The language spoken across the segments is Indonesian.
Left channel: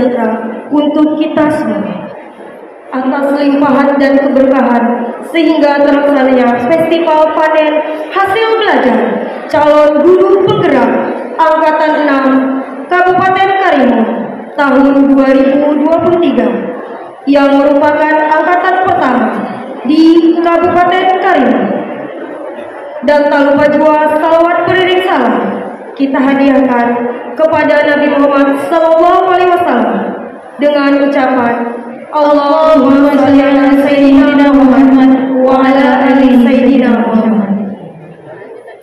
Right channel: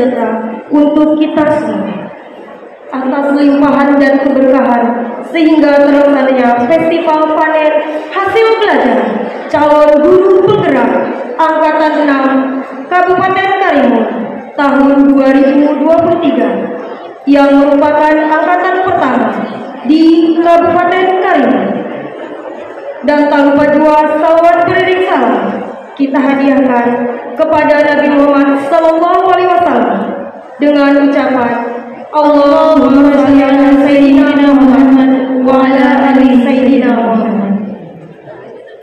sejahtera untuk kita semua. Atas limpahan dan keberkahan sehingga terlaksananya festival panen hasil belajar calon guru penggerak angkatan 6 Kabupaten Karimun tahun 2023 yang merupakan angkatan pertama di Kabupaten Karimun. Dan tak lupa juga salawat beriring salam kita hadiahkan kepada Nabi Muhammad SAW dengan ucapan Allahumma shalli ala sayyidina Muhammad wa ala ali sayyidina Muhammad.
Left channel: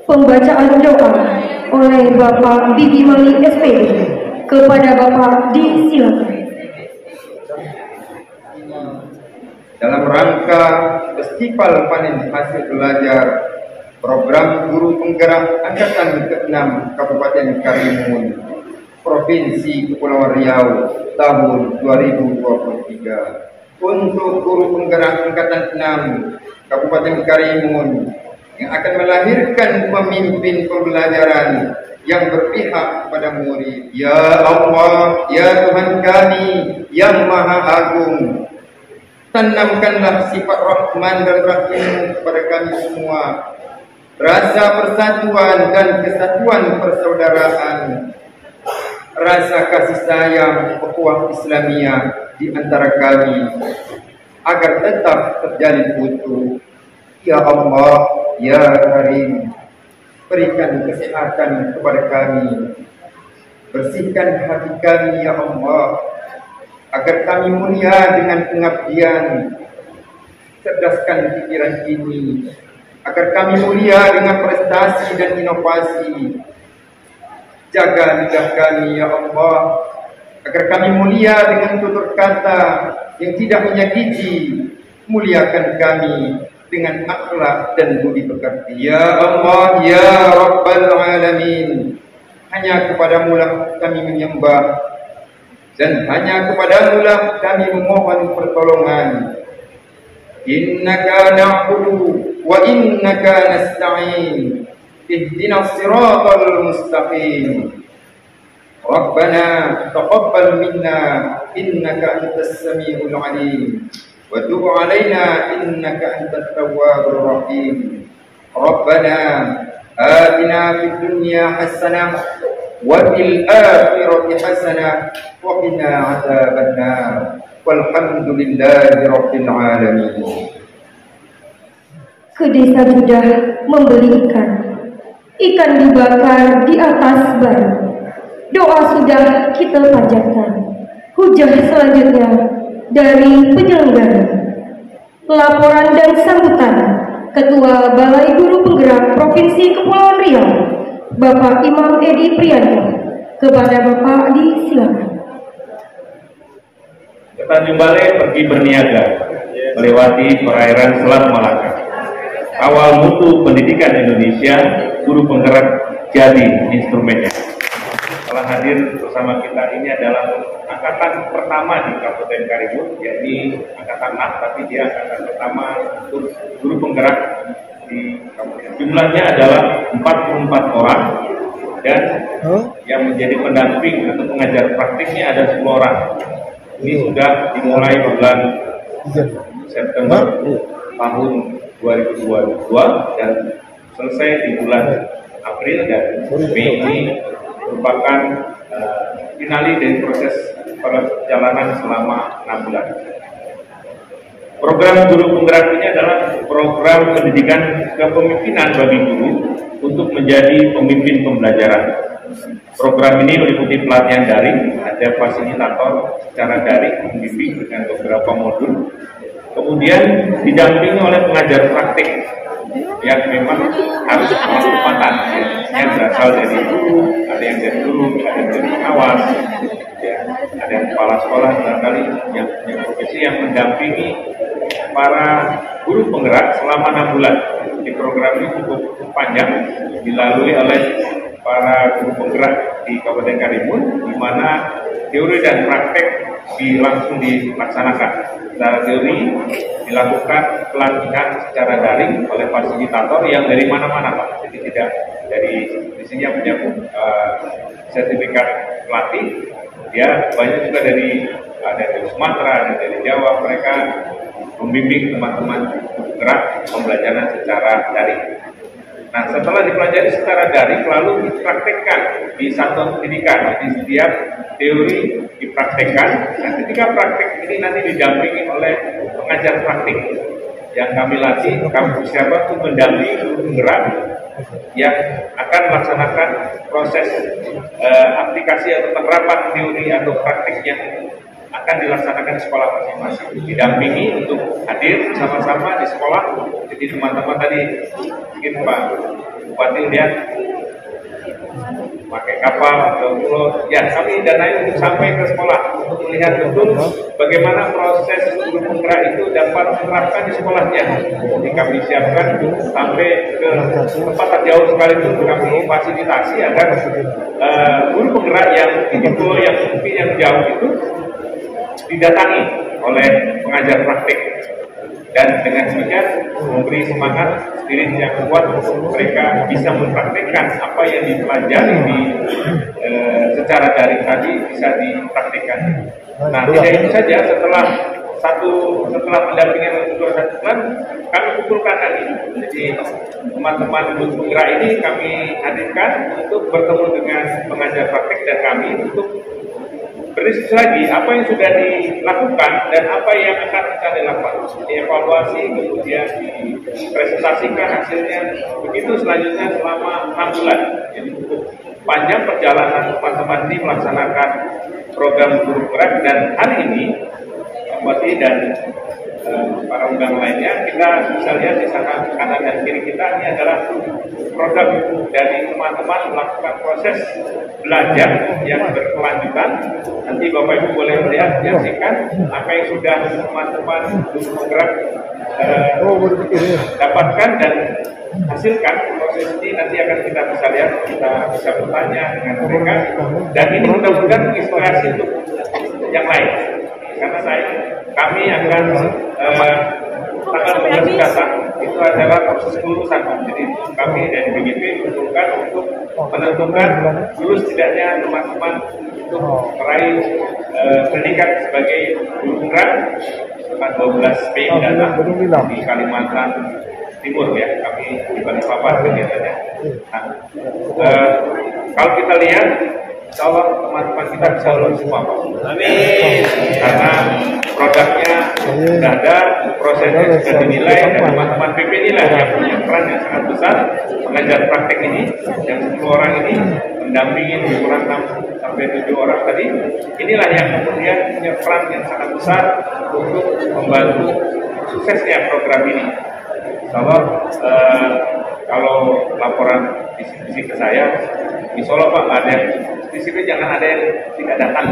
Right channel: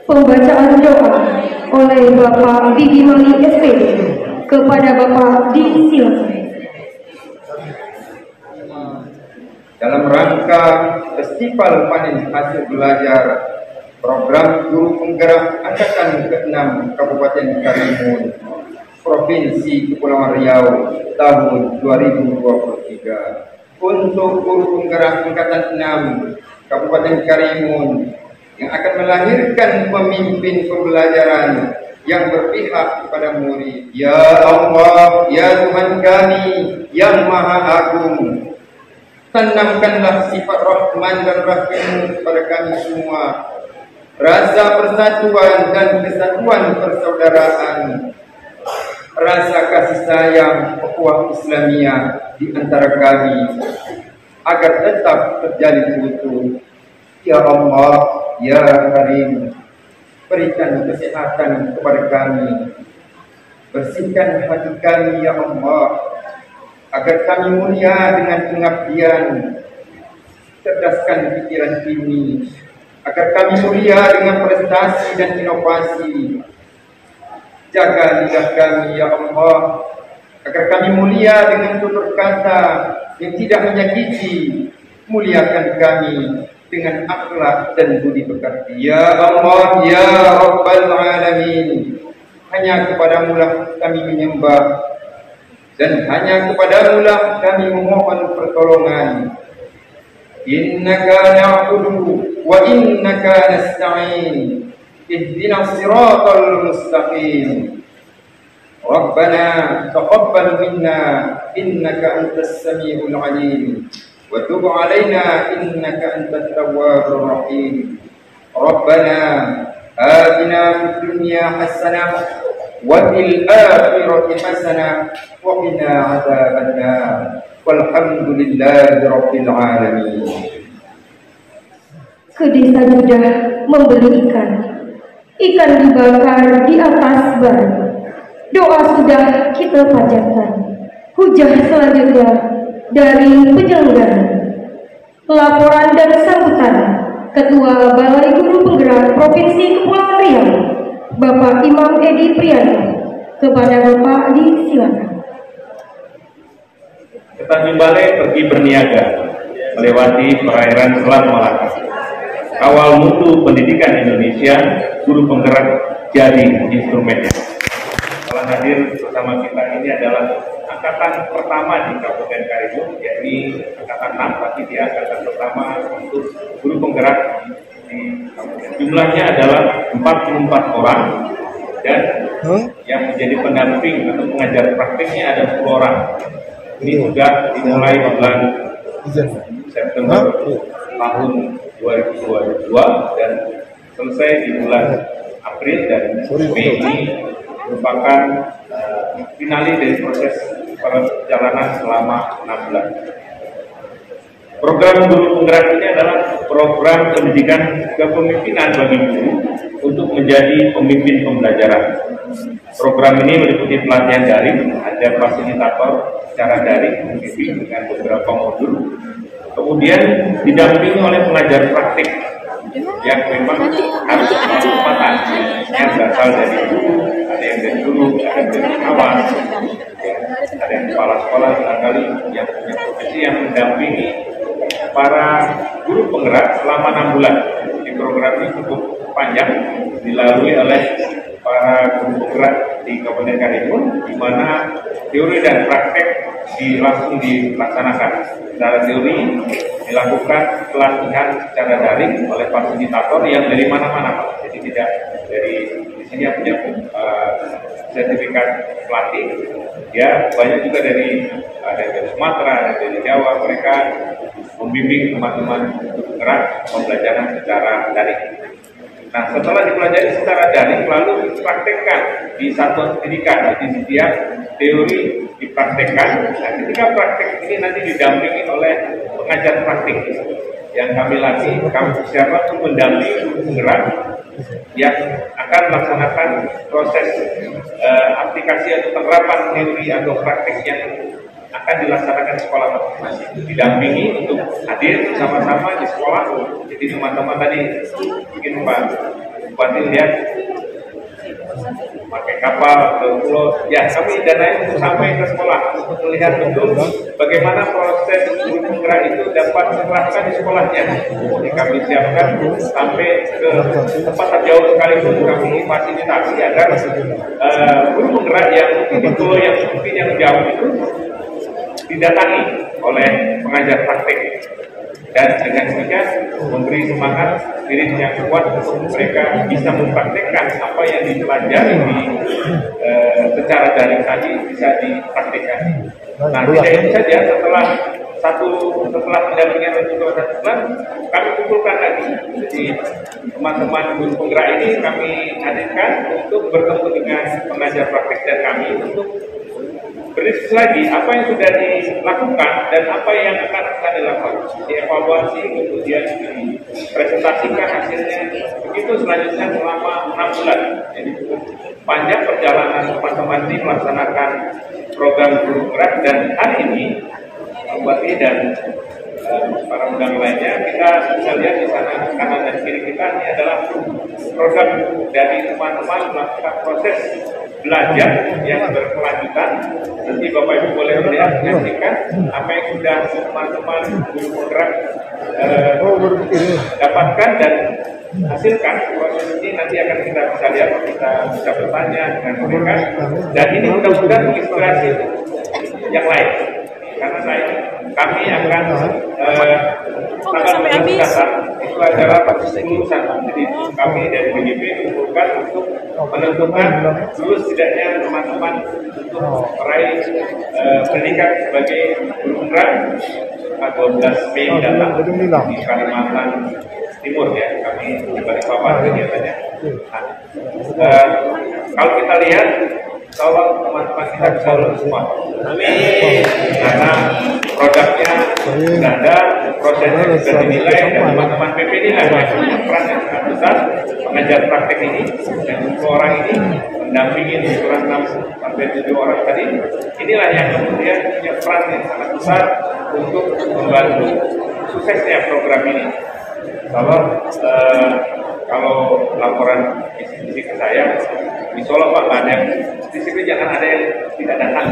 Pembacaan doa oleh Bapak Bibi Mali SPD kepada Bapak disilakan. Dalam rangka Festival Panen Hasil Belajar Program Guru Penggerak Angkatan ke-6 Kabupaten Karimun Provinsi Kepulauan Riau tahun 2023 untuk guru penggerak Angkatan 6 Kabupaten Karimun yang akan melahirkan pemimpin pembelajaran yang berpihak kepada murid. Ya Allah, ya Tuhan kami yang Maha Agung, tanamkanlah sifat Rahman dan Rahim kepada kami semua, rasa persatuan dan kesatuan persaudaraan, rasa kasih sayang ukhuwah Islamiyah di antara kami agar tetap terjalin utuh. Ya Allah, ya Karim, berikan kesehatan kepada kami, bersihkan hati kami ya Allah, agar kami mulia dengan pengabdian, cerdaskan pikiran ini, agar kami mulia dengan prestasi dan inovasi. Jaga lidah kami ya Allah, agar kami mulia dengan tutur kata yang tidak menyakiti. Muliakan kami dengan akhlak dan budi pekerti. Ya Allah, ya Rabbal Alamin, hanya kepadamu lah kami menyembah, dan hanya kepadamu lah kami memohon pertolongan. Innaka na'budu wa innaka nasta'in. Ihdinas siratal mustaqim. Rabbana taqabbal minna innaka antas samiul alim wa tub alaina innaka antat tawwabur rahim. Rabbana atina fid dunya hasanah wa fil akhirati hasanah wa qina adzabannar. Walhamdulillahi rabbil alamin. Ke desa sudah membeli ikan dibakar di atas bara. Doa sudah kita panjatkan. Hujah selanjutnya dari penyelenggara. Laporan dan sambutan Ketua Balai Guru Penggerak Provinsi Kepulauan Riau, Bapak Imam Edi Prianto, kepada Bapak disilakan. Kita kembali pergi berniaga melewati perairan Selat Malaka. Kawal mutu pendidikan Indonesia, guru penggerak jadi instrumennya. Telah hadir bersama kita ini adalah angkatan pertama di Kabupaten Karimun, yakni angkatan 6, tapi dia angkatan pertama untuk guru penggerak di Kabupaten. Jumlahnya adalah 44 orang, dan yang menjadi pendamping atau pengajar praktiknya ada 10 orang. Ini sudah dimulai bulan September tahun 2022 dan selesai di bulan April, dan Mei ini merupakan finali dari proses perjalanan selama 6 bulan. Program guru penggerak ini adalah program pendidikan kepemimpinan bagi guru untuk menjadi pemimpin pembelajaran. Program ini meliputi pelatihan daring, ada fasilitator secara daring membimbing dengan beberapa modul, kemudian didampingi oleh pengajar praktik yang memang harus punya kekuatan, yang berasal dari guru, ada yang dari guru, ada yang dari pengawas, ya, ada yang kepala sekolah barangkali yang punya profesi yang mendampingi para guru penggerak selama 6 bulan. Di program ini cukup panjang, dilalui oleh para guru penggerak di Kabupaten Karimun, di mana teori dan praktek langsung dilaksanakan. Secara teori dilakukan pelatihan secara daring oleh fasilitator yang dari mana-mana, jadi tidak dari di sini yang punya sertifikat pelatih, Ya, banyak juga dari Sumatera, ada dari Jawa, mereka membimbing teman-teman gerak pembelajaran secara daring. Nah, setelah dipelajari secara daring, lalu dipraktekkan di satu pendidikan. Jadi setiap teori dipraktekkan. Nah, ketika praktek ini nanti didampingi oleh pengajar praktik yang kami latih, kami persiapkan untuk mendampingi guru penggerak yang akan melaksanakan proses aplikasi atau penerapan teori atau praktik yang akan dilaksanakan di sekolah masing-masing. Didampingi untuk hadir bersama-sama di sekolah. Jadi teman-teman tadi mungkin Pak Bupati lihat pakai kapal atau pulau, ya kami danai untuk sampai ke sekolah untuk melihat betul bagaimana proses guru penggerak itu dapat menerapkan di sekolahnya. Jadi kami siapkan sampai ke tempat jauh sekalipun kami fasilitasi agar guru penggerak yang di pulau yang seperti yang jauh itu didatangi oleh pengajar praktik, dan dengan demikian memberi semangat spirit yang kuat untuk mereka bisa mempraktikkan apa yang dipelajari di secara daring tadi bisa dipraktikkan. Nah, tidak itu saja, setelah pendampingan untuk 1 bulan kami kumpulkan lagi. Jadi teman-teman guru penggerak ini kami hadirkan untuk bertemu dengan pengajar praktik dan kami untuk berdiskusi lagi apa yang sudah dilakukan dan apa yang akan kita lakukan, dievaluasi, kemudian dipresentasikan hasilnya. Begitu selanjutnya selama 6 bulan. Jadi cukup panjang perjalanan teman-teman ini melaksanakan program guru penggerak, dan hari ini Pak Bupati dan para undangan lainnya, kita bisa lihat di sana kanan dan kiri kita ini adalah program dari teman-teman melakukan proses belajar yang berkelanjutan. Nanti Bapak Ibu boleh menyaksikan apa yang sudah teman-teman guru penggerak dapatkan dan hasilkan. Proses ini nanti akan kita bisa lihat, kita bisa bertanya dengan mereka, dan ini mudah-mudahan menginspirasi untuk yang lain. Karena kami akan tanggal 12 datang itu adalah kelulusan. Jadi kami dari BGP mengumpulkan untuk menentukan lulus tidaknya teman-teman untuk meraih pendidikan sebagai guru penggerak 12 Mei mendatang di Kalimantan Timur, ya. Kami di Balikpapan kegiatannya. Nah, kalau kita lihat, kalau teman-teman kita bisa lulus semua, karena produknya sudah ada, prosesnya sudah dinilai, dan teman-teman PP nilai yang punya peran yang sangat besar mengajar praktek ini, yang 10 orang ini mendampingi lebih kurang sampai 7 orang tadi. Inilah yang kemudian punya peran yang sangat besar untuk membantu suksesnya program ini. Kalau laporan visi ke saya, di Solo Pak banyak disiplin, jangan ada yang tidak datang.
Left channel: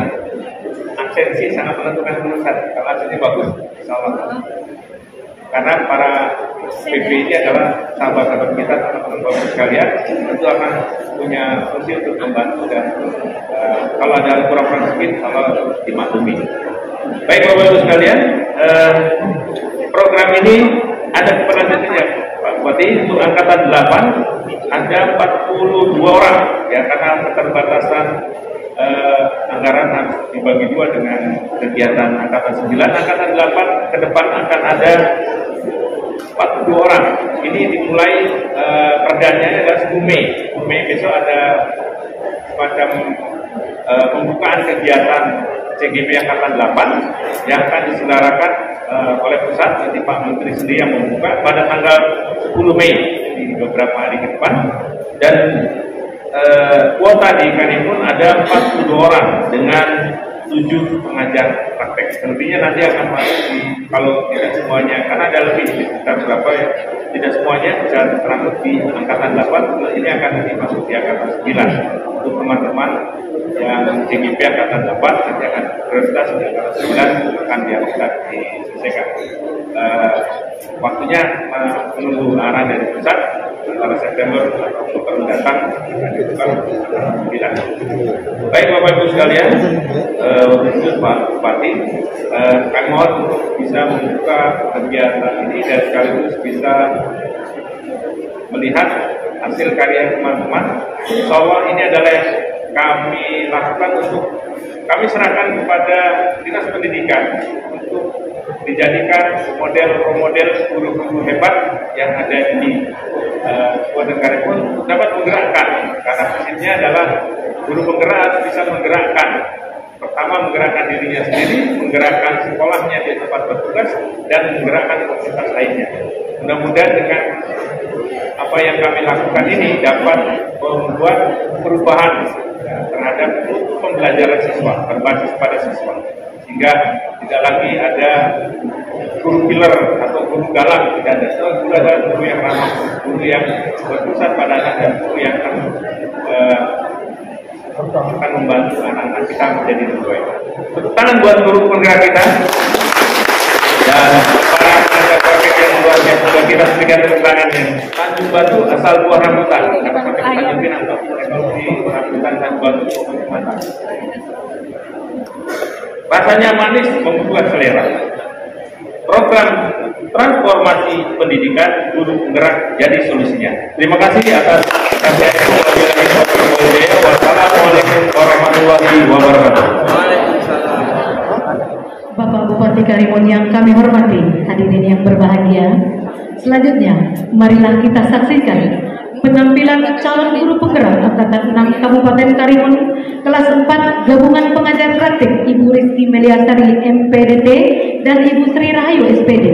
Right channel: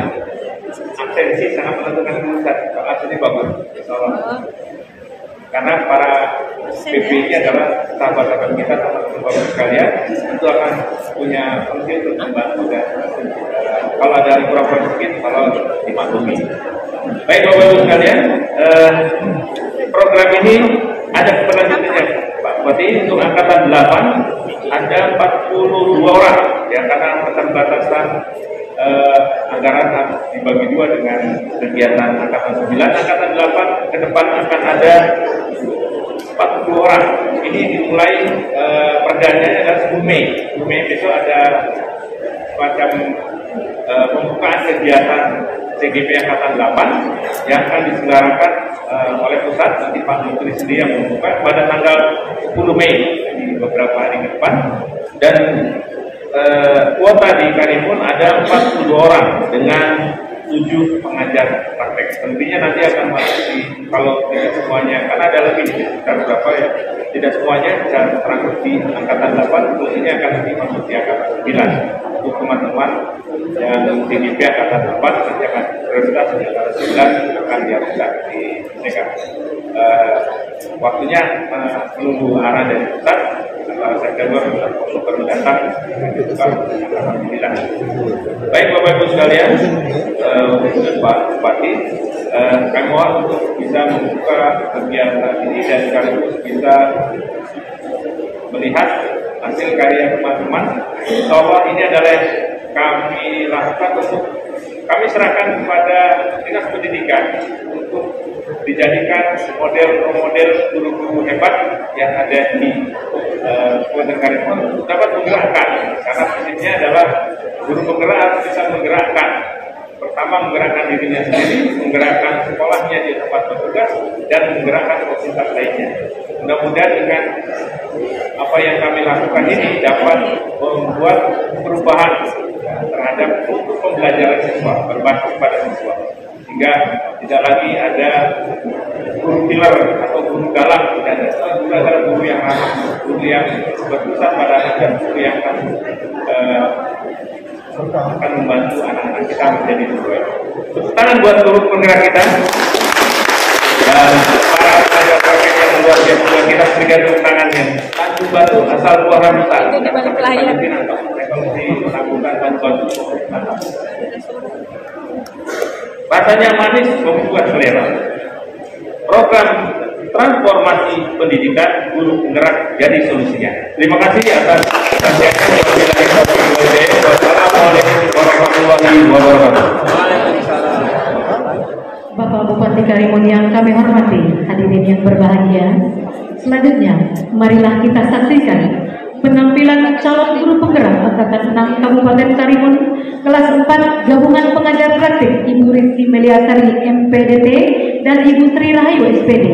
Absensi sangat menentukan kelulusan. Kalau absensi bagus, insyaallah. Karena para PP ini adalah sahabat-sahabat kita, teman-teman sekalian, itu akan punya fungsi untuk membantu, dan kalau ada laporan sedikit, kalau dimaklumi. Baik Bapak Ibu sekalian, program ini ada keberlanjutannya Pak Bupati. Untuk angkatan 8 ada 42 orang, ya, karena keterbatasan anggaran dibagi 2 dengan kegiatan angkatan 9. Angkatan 8 ke depan akan ada 42 orang. Ini dimulai perdana adalah 10 Mei. 10 Mei besok ada semacam pembukaan kegiatan CGP angkatan 8 yang akan diselenggarakan oleh pusat. Nanti Pak Menteri sendiri yang membuka pada tanggal 10 Mei di beberapa hari ke depan. Dan kuota di Karimun ada 42 orang dengan 7 pengajar praktek. Selebihnya nanti akan masuk di, kalau tidak semuanya, karena ada lebih sekitar berapa ya, tidak semuanya bisa terangkut di angkatan 8. Ini akan masuk di angkatan 9 untuk teman-teman yang CGP angkatan 8 nanti akan prioritas di angkatan 9 akan yang bisa diselesaikan. Waktunya menunggu arahan dari pusat. Antara September Oktober mendatang akan dibuka tidak. Baik Bapak Ibu sekalian, Pak Bupati, kami mohon untuk bisa membuka kegiatan ini dan sekaligus bisa melihat hasil karya teman-teman. Insyaallah ini adalah kami lakukan untuk kami serahkan kepada Dinas Pendidikan untuk dijadikan model guru-guru hebat yang ada di Kabupaten Karimun dapat menggerakkan, karena prinsipnya adalah guru penggerak bisa menggerakkan. Pertama, menggerakkan dirinya sendiri, menggerakkan sekolahnya di tempat bertugas, dan menggerakkan komunitas lainnya. Mudah-mudahan dengan apa yang kami lakukan ini dapat membuat perubahan terhadap pembelajaran siswa, berbasis pada siswa, sehingga tidak lagi ada guru killer atau guru galak, tidak ada guru yang ramah, guru yang berpusat pada anak, dan guru yang akan membantu anak-anak kita menjadi lebih baik. Tepuk tangan buat guru penggerak kita dan para tenaga paket yang luar biasa. Kita berikan tepuk tangan yang bantu asal Tuhan besar. Rasanya manis membuat selera. Program transformasi pendidikan guru penggerak jadi solusinya. Terima kasih atas Wassalamualaikum warahmatullahi wabarakatuh. Bapak Bupati Karimun yang kami hormati, hadirin yang berbahagia, selanjutnya marilah kita saksikan penampilan calon guru penggerak angkatan 6 Kabupaten Karimun kelas 4 Gabungan Pengajar Praktik Ibu Rizky Meliasari MPDT dan Ibu Sri Rahayu SPD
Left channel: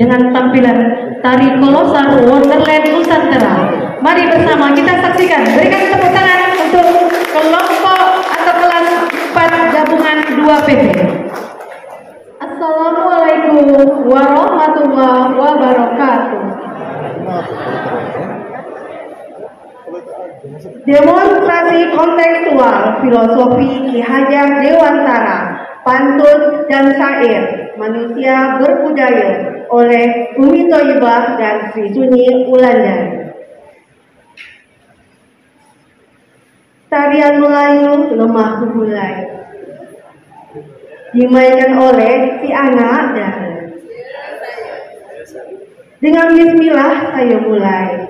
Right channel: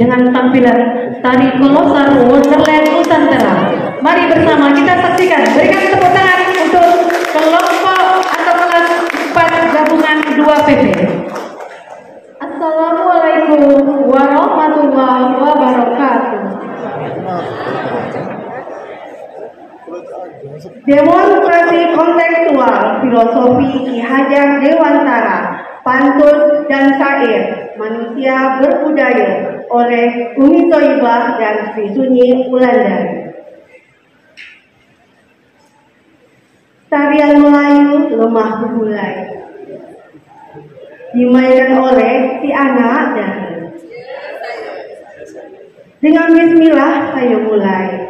dengan tampilan tari kolosal Wonderland Nusantara. Mari bersama kita saksikan. Berikan tepuk tangan untuk kelompok atau kelas 4 Gabungan 2 PP. Assalamualaikum warahmatullahi wabarakatuh. Demonstrasi kontekstual filosofi Ki Hajar Dewantara, pantun dan syair manusia berbudaya oleh Umi Thayyibah dan Sri Sunyi Wulandari. Tarian Melayu Lemah Bebulai dimainkan oleh si anak dan dengan bismillah saya mulai.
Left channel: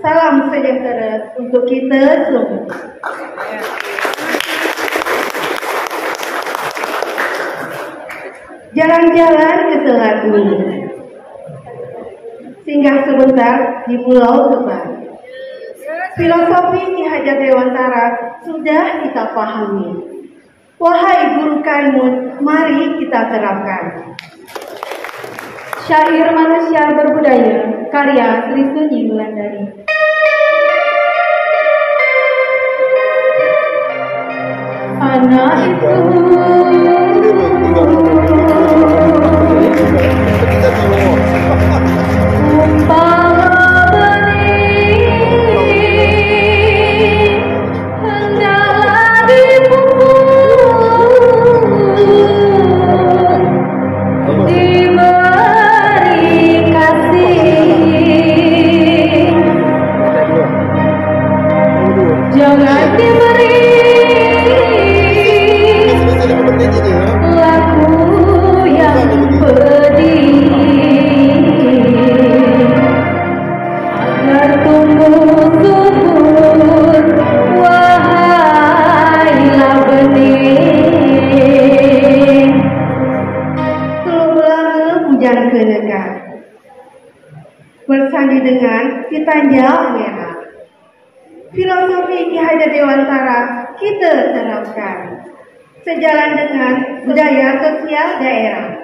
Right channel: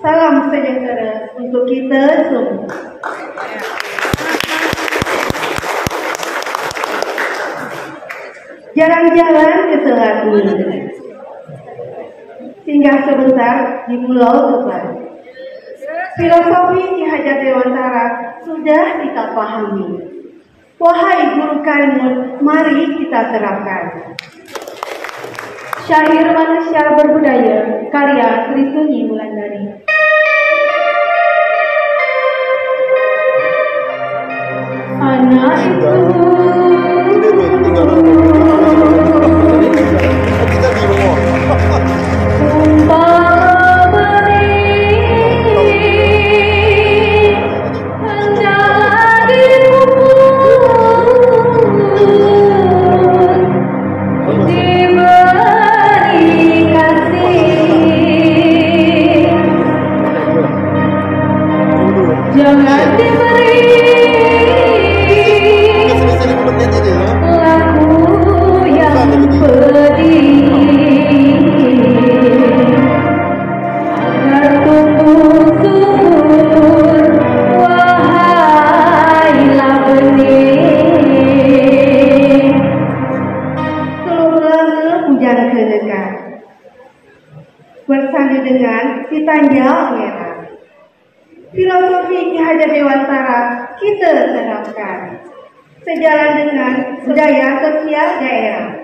Salam sejahtera untuk kita semua. Jalan-jalan ke Selat Bumi, singgah sebentar di Pulau Tuban. Filosofi Ki Hajar Dewantara sudah kita pahami. Wahai guru Karimun, mari kita terapkan. Syair manusia berbudaya, karya Sri Sunyi Wulandari. Anak itu bersandi dengan Titanjal Merah. Filosofi Ki Hajar Dewantara kita terapkan sejalan dengan budaya sosial daerah.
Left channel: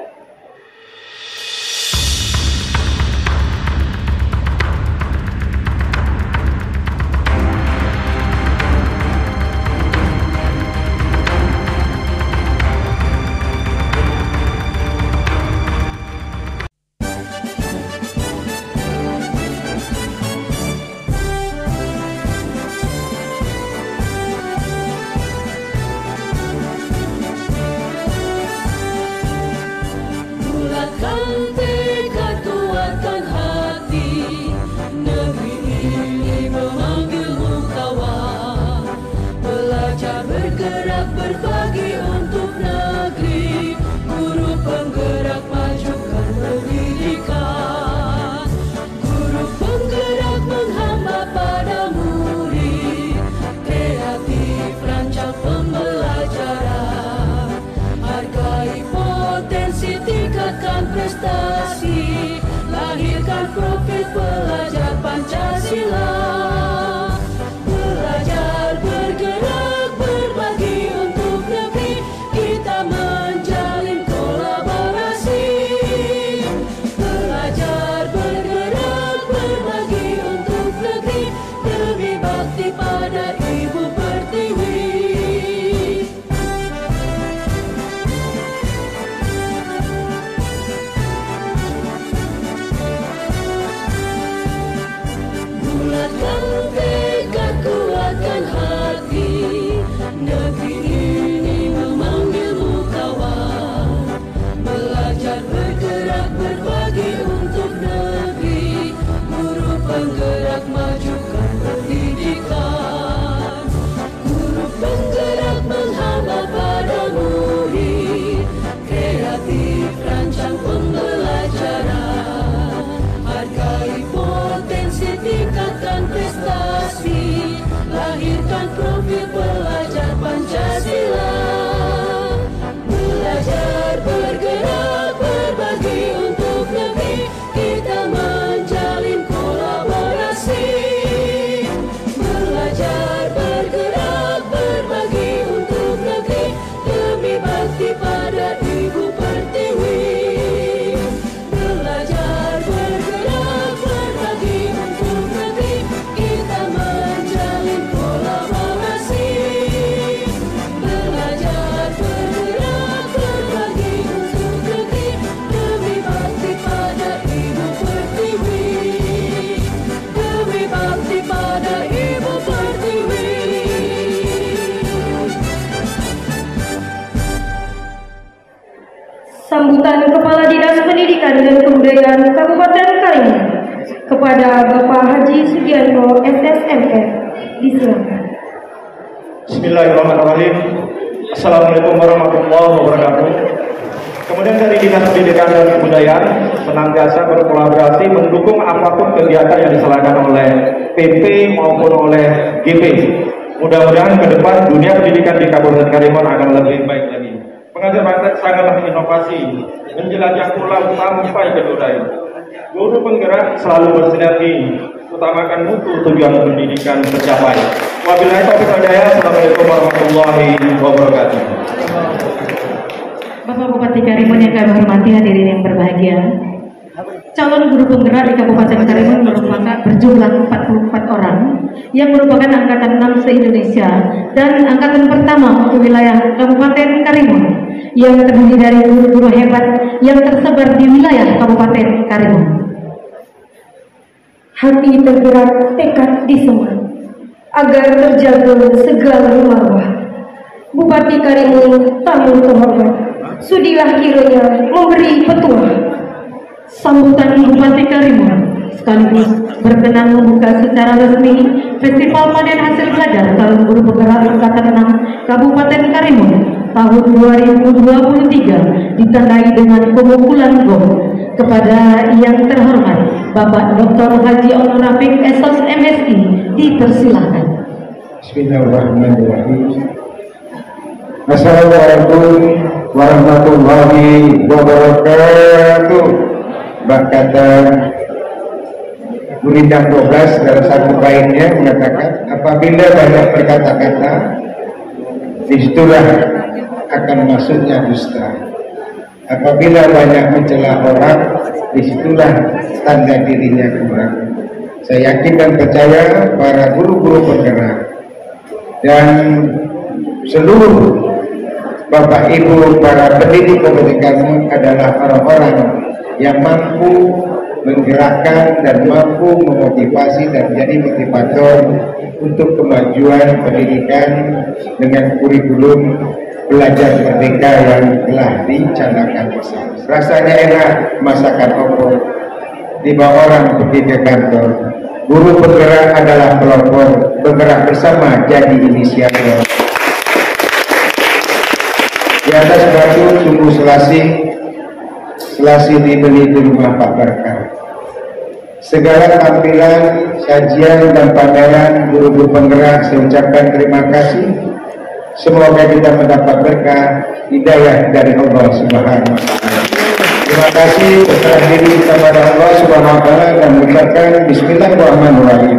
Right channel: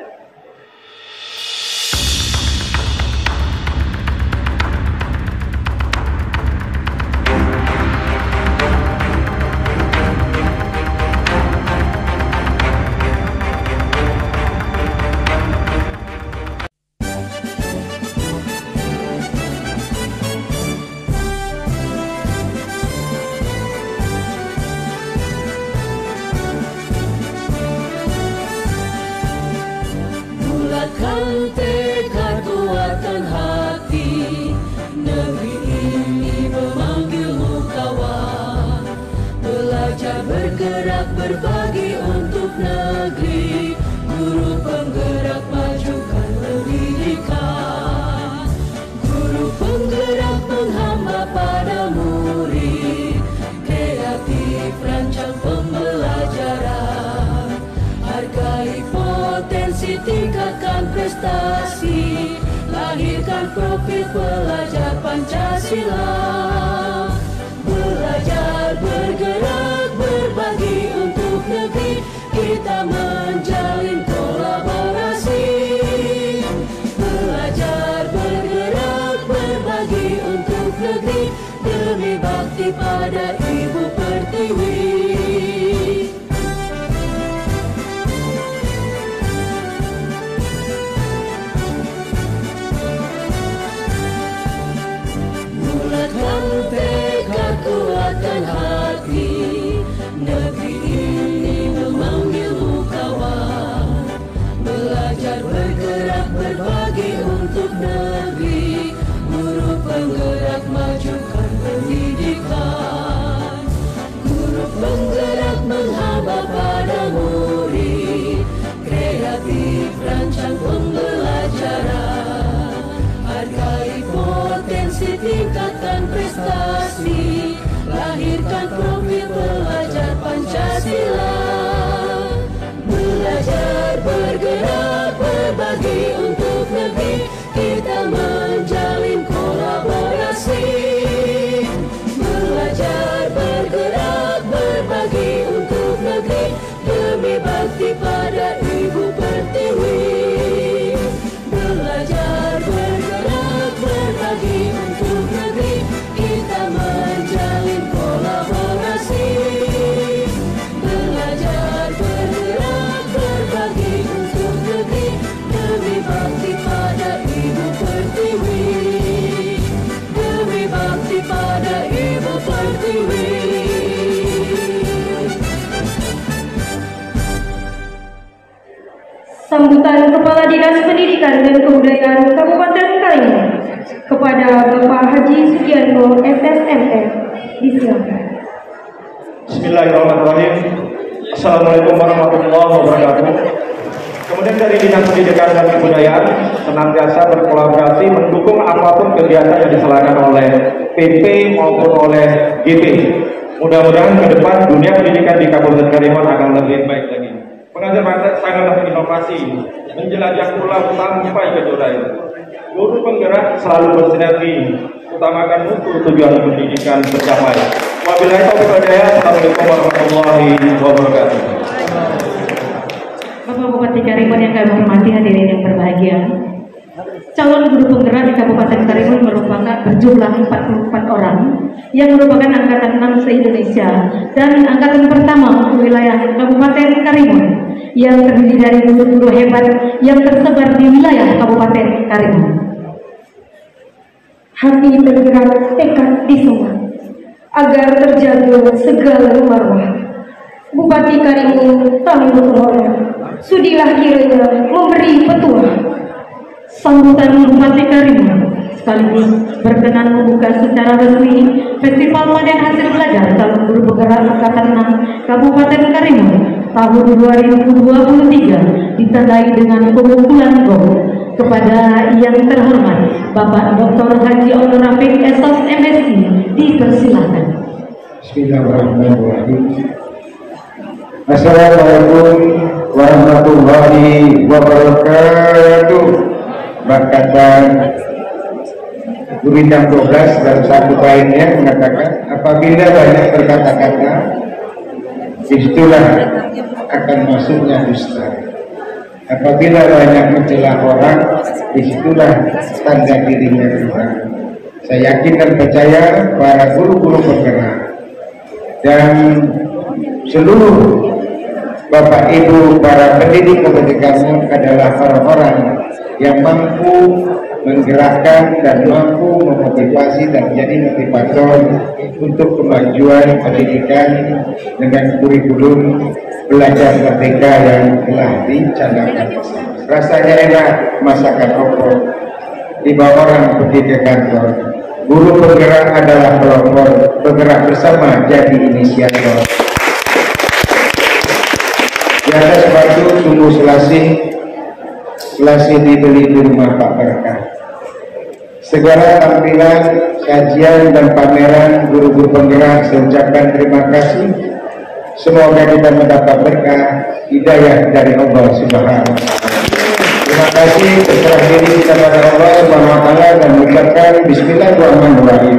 Berbagi untuk negeri, guru penggerak majukan pendidikan. Guru penggerak menghamba pada murid, kreatif rancang pembelajaran. prestasi, lahirkan profil pelajar Pancasila. Belajar, bergerak, berbagi untuk negeri, kita menjalin kolaborasi. Belajar, bergerak, berbagi untuk negeri, demi bakti pada Ibu Pertiwi. Bulatkan tekad, kuatkan hati, negeri ini memanggilmu kawan. Belajar, bergerak, berbagi untuk negeri, guru penggerak majukan pendidikan. Guru penggerak menghamba pada murid, kreatif rancang pembelajaran. Hargai potensi, tingkatkan prestasi, lahirkan profil pelajar Pancasila. Belajar, bergerak, berbagi untuk negeri, kita menjalin kolaborasi. Belajar, bergerak, berbagi untuk negeri, demi bakti pada Ibu Pertiwi. Belajar, bergerak, berbagi untuk negeri, kita menjalin kolaborasi. Belajar, bergerak, berbagi untuk negeri, demi bakti pada Ibu Pertiwi. Demi bakti pada Ibu Pertiwi. Sambutan Kepala Dinas Pendidikan dan Kebudayaan Kabupaten Karimun kepada Bapak Haji Sugianto SSMF disilakan. Bismillahirrahmanirrahim. Assalamualaikum warahmatullahi wabarakatuh. Kemudian dari Dinas Pendidikan dan Kebudayaan senantiasa berkolaborasi mendukung apapun kegiatan yang diselenggarakan oleh PP maupun oleh GP. Mudah-mudahan ke depan dunia pendidikan di Kabupaten Karimun akan lebih baik lagi. Pengajar sangatlah inovasi, menjelajah pulau sampai ke budaya. Guru penggerak selalu bersinergi, utamakan mutu tujuan pendidikan tercapai. Wabillahi taufiq wal hidayah. Assalamualaikum warahmatullahi wabarakatuh. Bapak Bupati Karimun yang kami hormati, hadirin yang berbahagia. Calon guru penggerak di Kabupaten Karimun merupakan berjumlah 44 orang yang merupakan angkatan 6 se-Indonesia dan angkatan pertama untuk wilayah Kabupaten Karimun yang terdiri dari guru-guru hebat yang tersebar di wilayah Kabupaten Karimun. Hati tergerak, tekad disemat agar terjaga segala marwah. Bupati Karimun tamu terhormat, sudilah kiranya memberi petuah. Sambutan Bupati Karimun sekaligus berkenan membuka secara resmi Festival Panen Hasil Belajar Calon Guru Penggerak Angkatan 6 Kabupaten Karimun tahun 2023 ditandai dengan pemukulan gong kepada yang terhormat Bapak Dr. Haji Honorafik SOS MSI. Dipersilakan. Bismillahirrahmanirrahim. Assalamualaikum warahmatullahi wabarakatuh. Berkata Guritan 12 dalam satu kainnya mengatakan, apabila banyak berkata-kata, disitulah akan masuknya dusta. Apabila banyak mencela orang, disitulah tanda dirinya kurang. Saya yakin dan percaya para guru-guru penggerak dan seluruh Bapak Ibu para pendidik pendidikan adalah orang-orang yang mampu menggerakkan dan mampu memotivasi dan menjadi motivator untuk kemajuan pendidikan dengan kurikulum belajar merdeka yang telah dicanangkan. Rasanya enak masakan opor dibawa orang pergi ke kantor. Guru penggerak adalah kelompok bergerak bersama jadi inisiator. Di atas batu sungguh selasih dibeli di rumah Pak Berkah. Segala tampilan, sajian dan pameran guru-guru penggerak saya ucapkan terima kasih. Semoga kita mendapat berkah hidayah dari Allah Subhanahu wa Ta'ala. Terima kasih berserah diri kepada Allah Subhanahu wa taala dan mengucapkan bismillahirrahmanirrahim.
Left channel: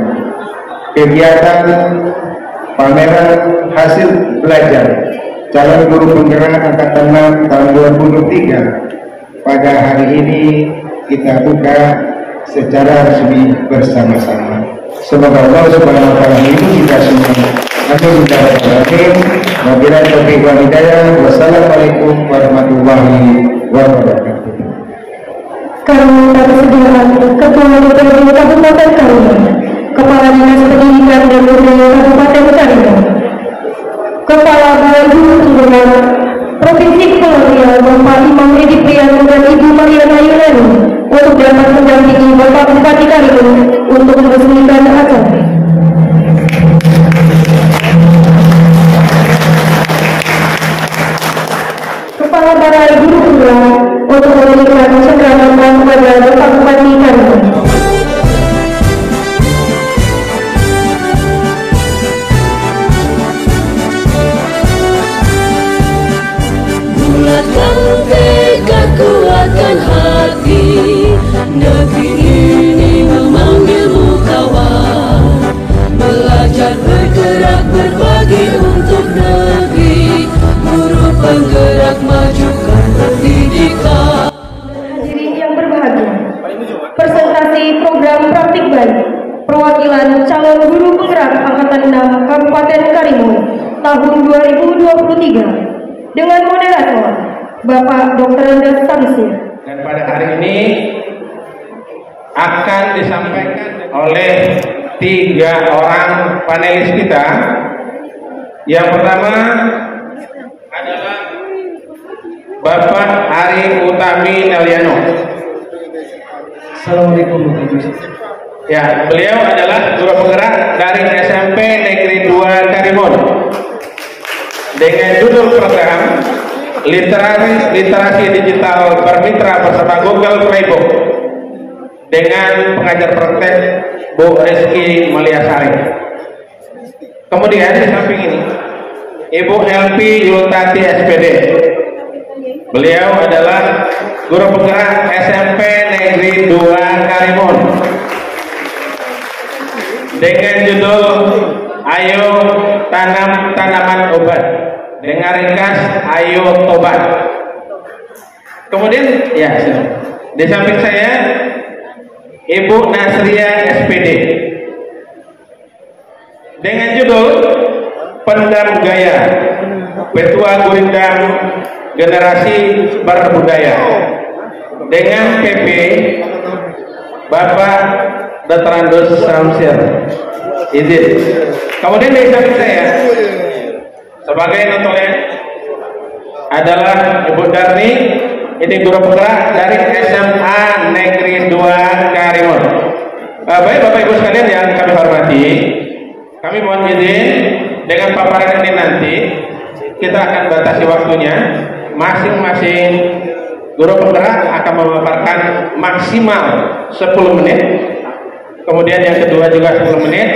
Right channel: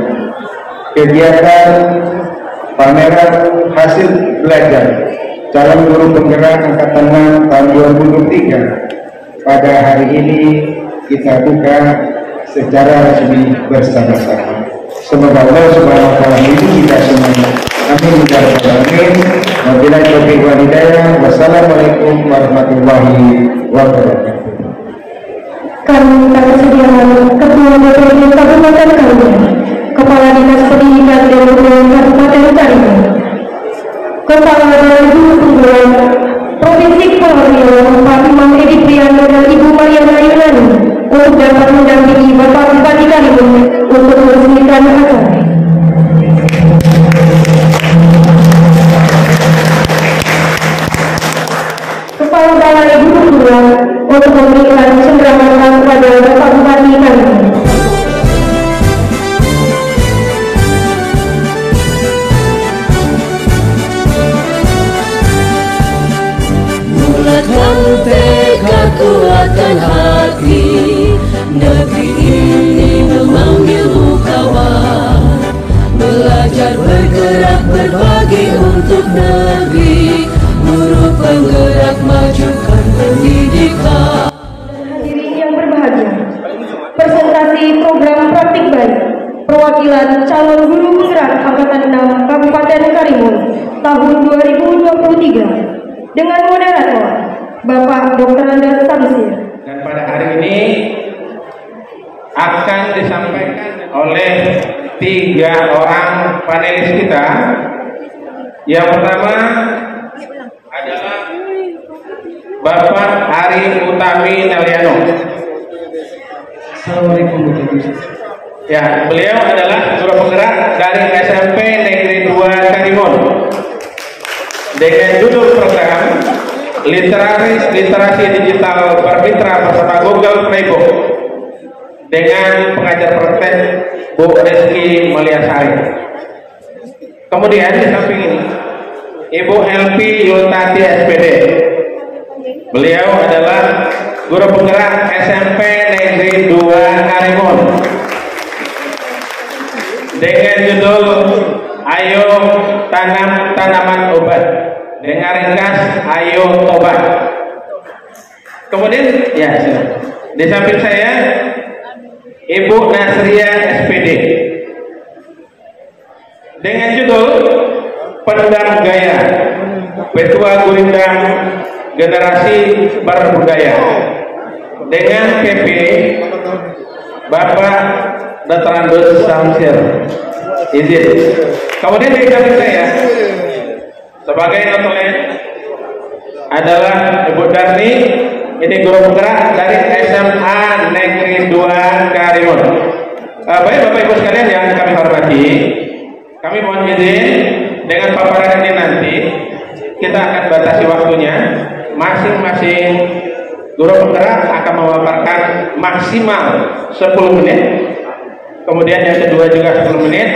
Kegiatan pameran hasil belajar calon guru penggerak angkatan 6 tahun 2023 pada hari ini kita buka secara resmi bersama-sama. Semoga Allah Subhanahu wa taala melindungi kita semua. Amin ya rabbal alamin. Wabillahi taufiq wal hidayah. Wassalamualaikum warahmatullahi wabarakatuh. Kami persediaan Ketua DPRD Kabupaten Karimun, Kepala Dinas Pendidikan dan Kebudayaan Kabupaten Karimun, Kepala Balai Guru Penggerak Provinsi Kepulauan Riau Pak Imam Edi Priyanto dan Ibu Mariana Yunani untuk dapat mendampingi Bapak Bupati Karimun untuk meresmikan acara. Kepala Balai Guru Penggerak untuk memberikan cenderamata kepada Bapak Bupati Karimun. Bulatkan tekad, kuatkan hati, negeri ini memanggilmu kawan. Belajar, bergerak, berbagi untuk negeri, guru penggerak majukan pendidikan. Hadirin yang berbahagia, presentasi program praktik baik perwakilan calon guru penggerak angkatan 6 Kabupaten Karimun tahun 2023 dengan moderator Bapak Dr. Andas Samsir. Dan pada hari ini akan disampaikan oleh 3 orang panelis kita. Yang pertama adalah Bapak Ari Utami Neliano. Assalamualaikum. Ya, beliau adalah guru penggerak dari SMP Negeri 2 Karimun dengan judul program Literasi Digital Bermitra beserta Google Playbook dengan pengajar praktek Bu Rizky Mulyasari. Kemudian di samping ini Ibu LP Yultati SPD. Beliau adalah guru penggerak SMP Negeri 2 Karimun dengan judul Ayo Tanam Tanaman Obat dengan ringkas Ayo Obat. Kemudian ya, di samping saya Ibu Nasria SPD dengan judul Pendam Budaya, Ketua Gurindam Generasi Berbudaya dengan PP Bapak Dr. Andas Samsir. Izin. Kemudian dari samping saya sebagai referent adalah Ibu Darni, ini guru penggerak dari SMA Negeri 2 Karimun. Baik Bapak Ibu sekalian yang kami hormati, kami mohon izin dengan paparan ini nanti kita akan batasi waktunya. Masing-masing guru penggerak akan memaparkan maksimal 10 menit. Kemudian yang kedua juga 10 menit.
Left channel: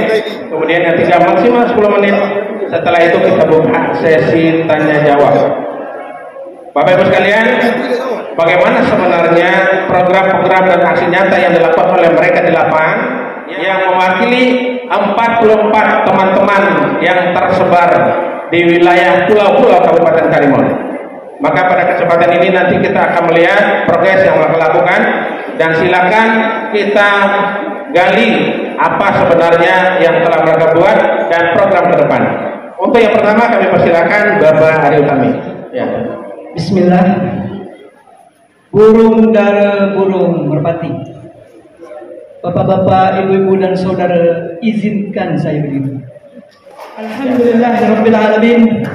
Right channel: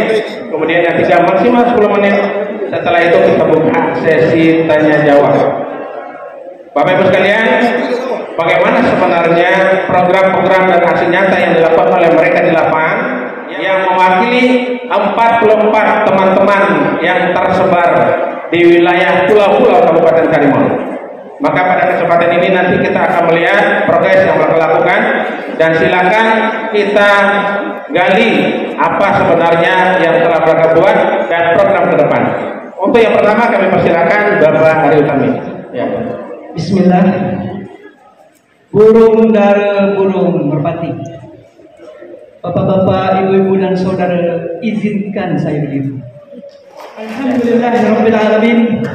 Kemudian yang ketiga maksimal 10 menit. Setelah itu kita buka sesi tanya jawab. Bapak Ibu sekalian, bagaimana sebenarnya program-program dan aksi nyata yang dilakukan oleh mereka di lapangan yang mewakili 44 teman-teman yang tersebar di wilayah pulau-pulau Kabupaten Karimun. Maka pada kesempatan ini nanti kita akan melihat progres yang mereka lakukan dan silakan kita gali apa sebenarnya yang telah mereka buat dan program ke depan. Untuk yang pertama kami persilakan Bapak Ari Utami. Ya. Bismillah. Burung dara burung merpati. Bapak-bapak, ibu-ibu dan saudara, izinkan saya berdiri. Alhamdulillahirabbil alamin.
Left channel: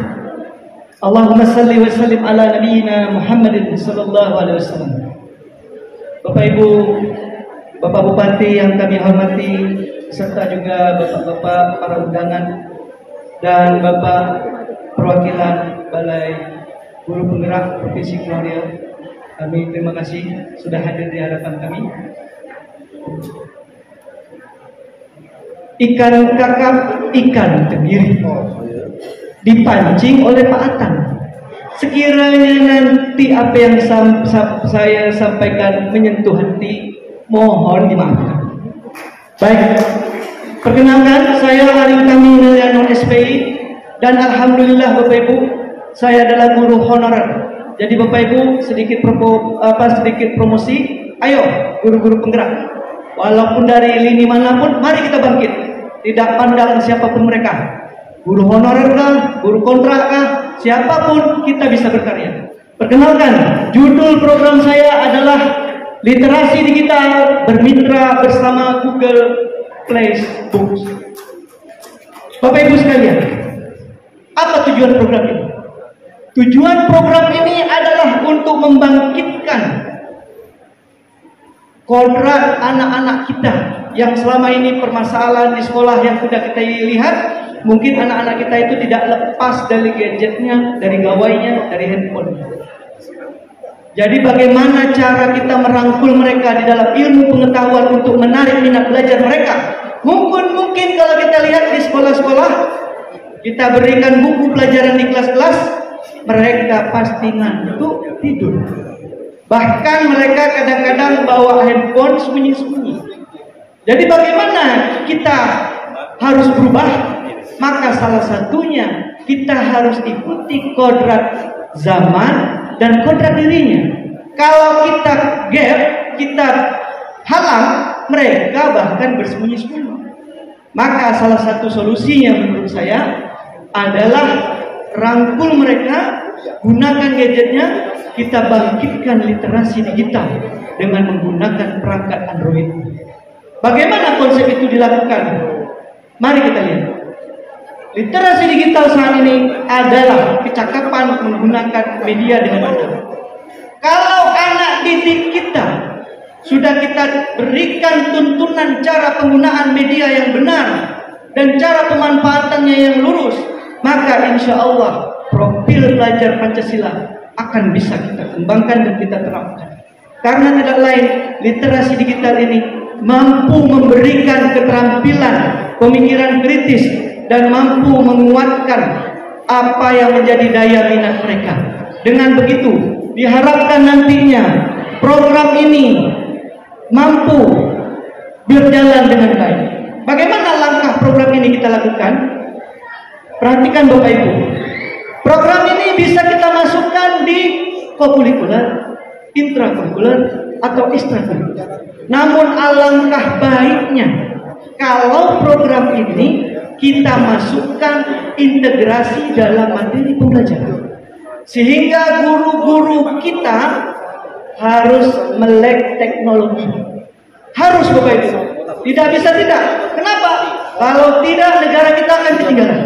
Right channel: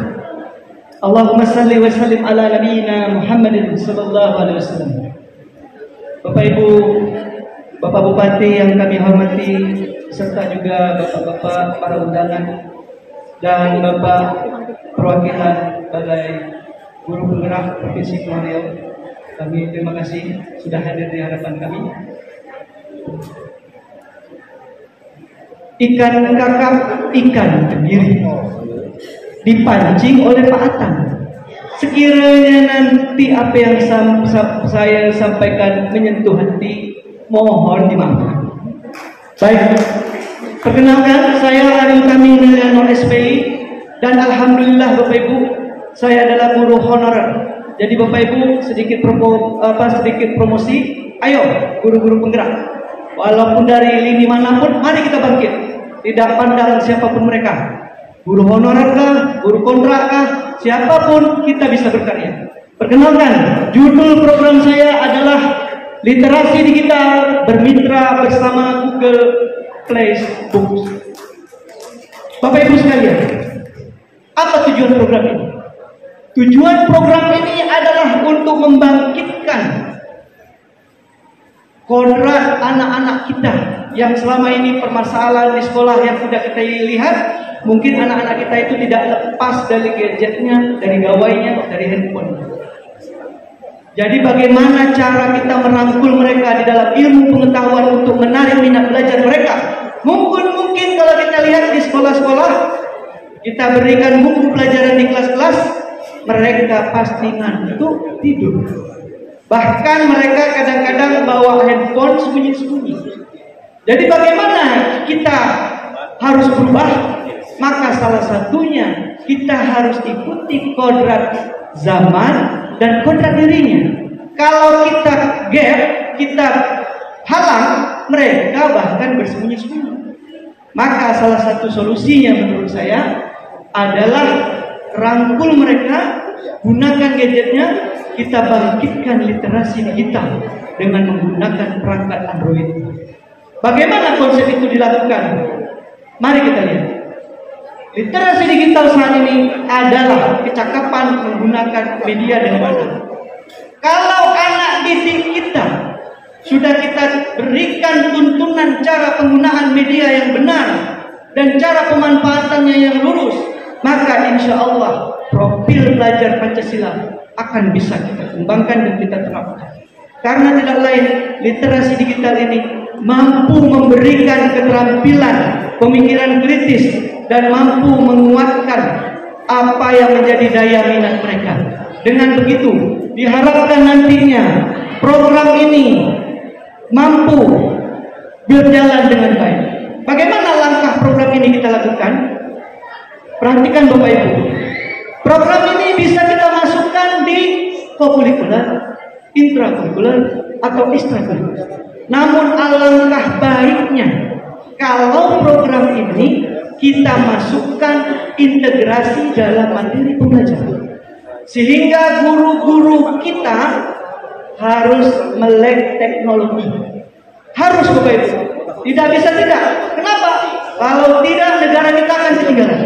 Allahumma salli wa sallim ala nabiyyina Muhammadin sallallahu alaihi wasallam. Bapak Ibu, Bapak Bupati yang kami hormati, serta juga Bapak-bapak para undangan dan Bapak perwakilan Balai Guru Penggerak Provinsi Kepulauan Riau, kami terima kasih sudah hadir di hadapan kami. Ikan kakap, ikan tenggiri dipancing oleh Pak Atang. Sekiranya nanti apa yang saya sampaikan menyentuh hati, mohon dimaafkan. Baik, perkenalkan saya Arif Kamil non SPI, dan alhamdulillah Bapak Ibu, saya adalah guru honorer. Jadi Bapak Ibu sedikit promosi, ayo guru-guru penggerak. Walaupun dari lini manapun, mari kita bangkit. Tidak pandang siapapun mereka, guru honorer kah, guru kontrak kah, siapapun kita bisa berkarya. Perkenalkan, judul program saya adalah Literasi Digital Bermitra Bersama Google Play Books. Bapak Ibu sekalian, apa tujuan program ini? Tujuan program ini adalah untuk membangkitkan kodrat anak-anak kita yang selama ini permasalahan di sekolah yang sudah kita lihat. Mungkin anak-anak kita itu tidak lepas dari gadgetnya, dari gawainya, dari handphone. Jadi bagaimana cara kita merangkul mereka di dalam ilmu pengetahuan untuk menarik minat belajar mereka? Mungkin kalau kita lihat di sekolah-sekolah, kita berikan buku pelajaran di kelas-kelas, mereka pasti ngantuk tidur. Bahkan mereka kadang-kadang bawa handphone sembunyi-sembunyi. Jadi bagaimana kita harus berubah? Maka salah satunya kita harus ikuti kodrat zaman dan kodrat dirinya. Kalau kita gap, kita halang, mereka bahkan bersembunyi-sembunyi. Maka salah satu solusinya menurut saya adalah rangkul mereka, gunakan gadgetnya, kita bangkitkan literasi digital dengan menggunakan perangkat Android. Bagaimana konsep itu dilakukan? Mari kita lihat. Literasi digital saat ini adalah kecakapan menggunakan media dengan benar. Kalau anak didik kita sudah kita berikan tuntunan cara penggunaan media yang benar dan cara pemanfaatannya yang lurus, maka insya Allah profil belajar Pancasila akan bisa kita kembangkan dan kita terapkan. Karena tidak lain, literasi digital ini mampu memberikan keterampilan pemikiran kritis dan mampu menguatkan apa yang menjadi daya minat mereka. Dengan begitu, diharapkan nantinya program ini mampu berjalan dengan baik. Bagaimana langkah program ini kita lakukan? Perhatikan Bapak Ibu, program ini bisa kita masukkan di kokurikuler, intrakurikuler, atau ekstrakurikuler. Namun alangkah baiknya kalau program ini kita masukkan integrasi dalam materi pembelajaran, sehingga guru-guru kita harus melek teknologi. Harus Bapak Ibu, tidak bisa tidak. Kenapa? Kalau tidak, negara kita akan ketinggalan.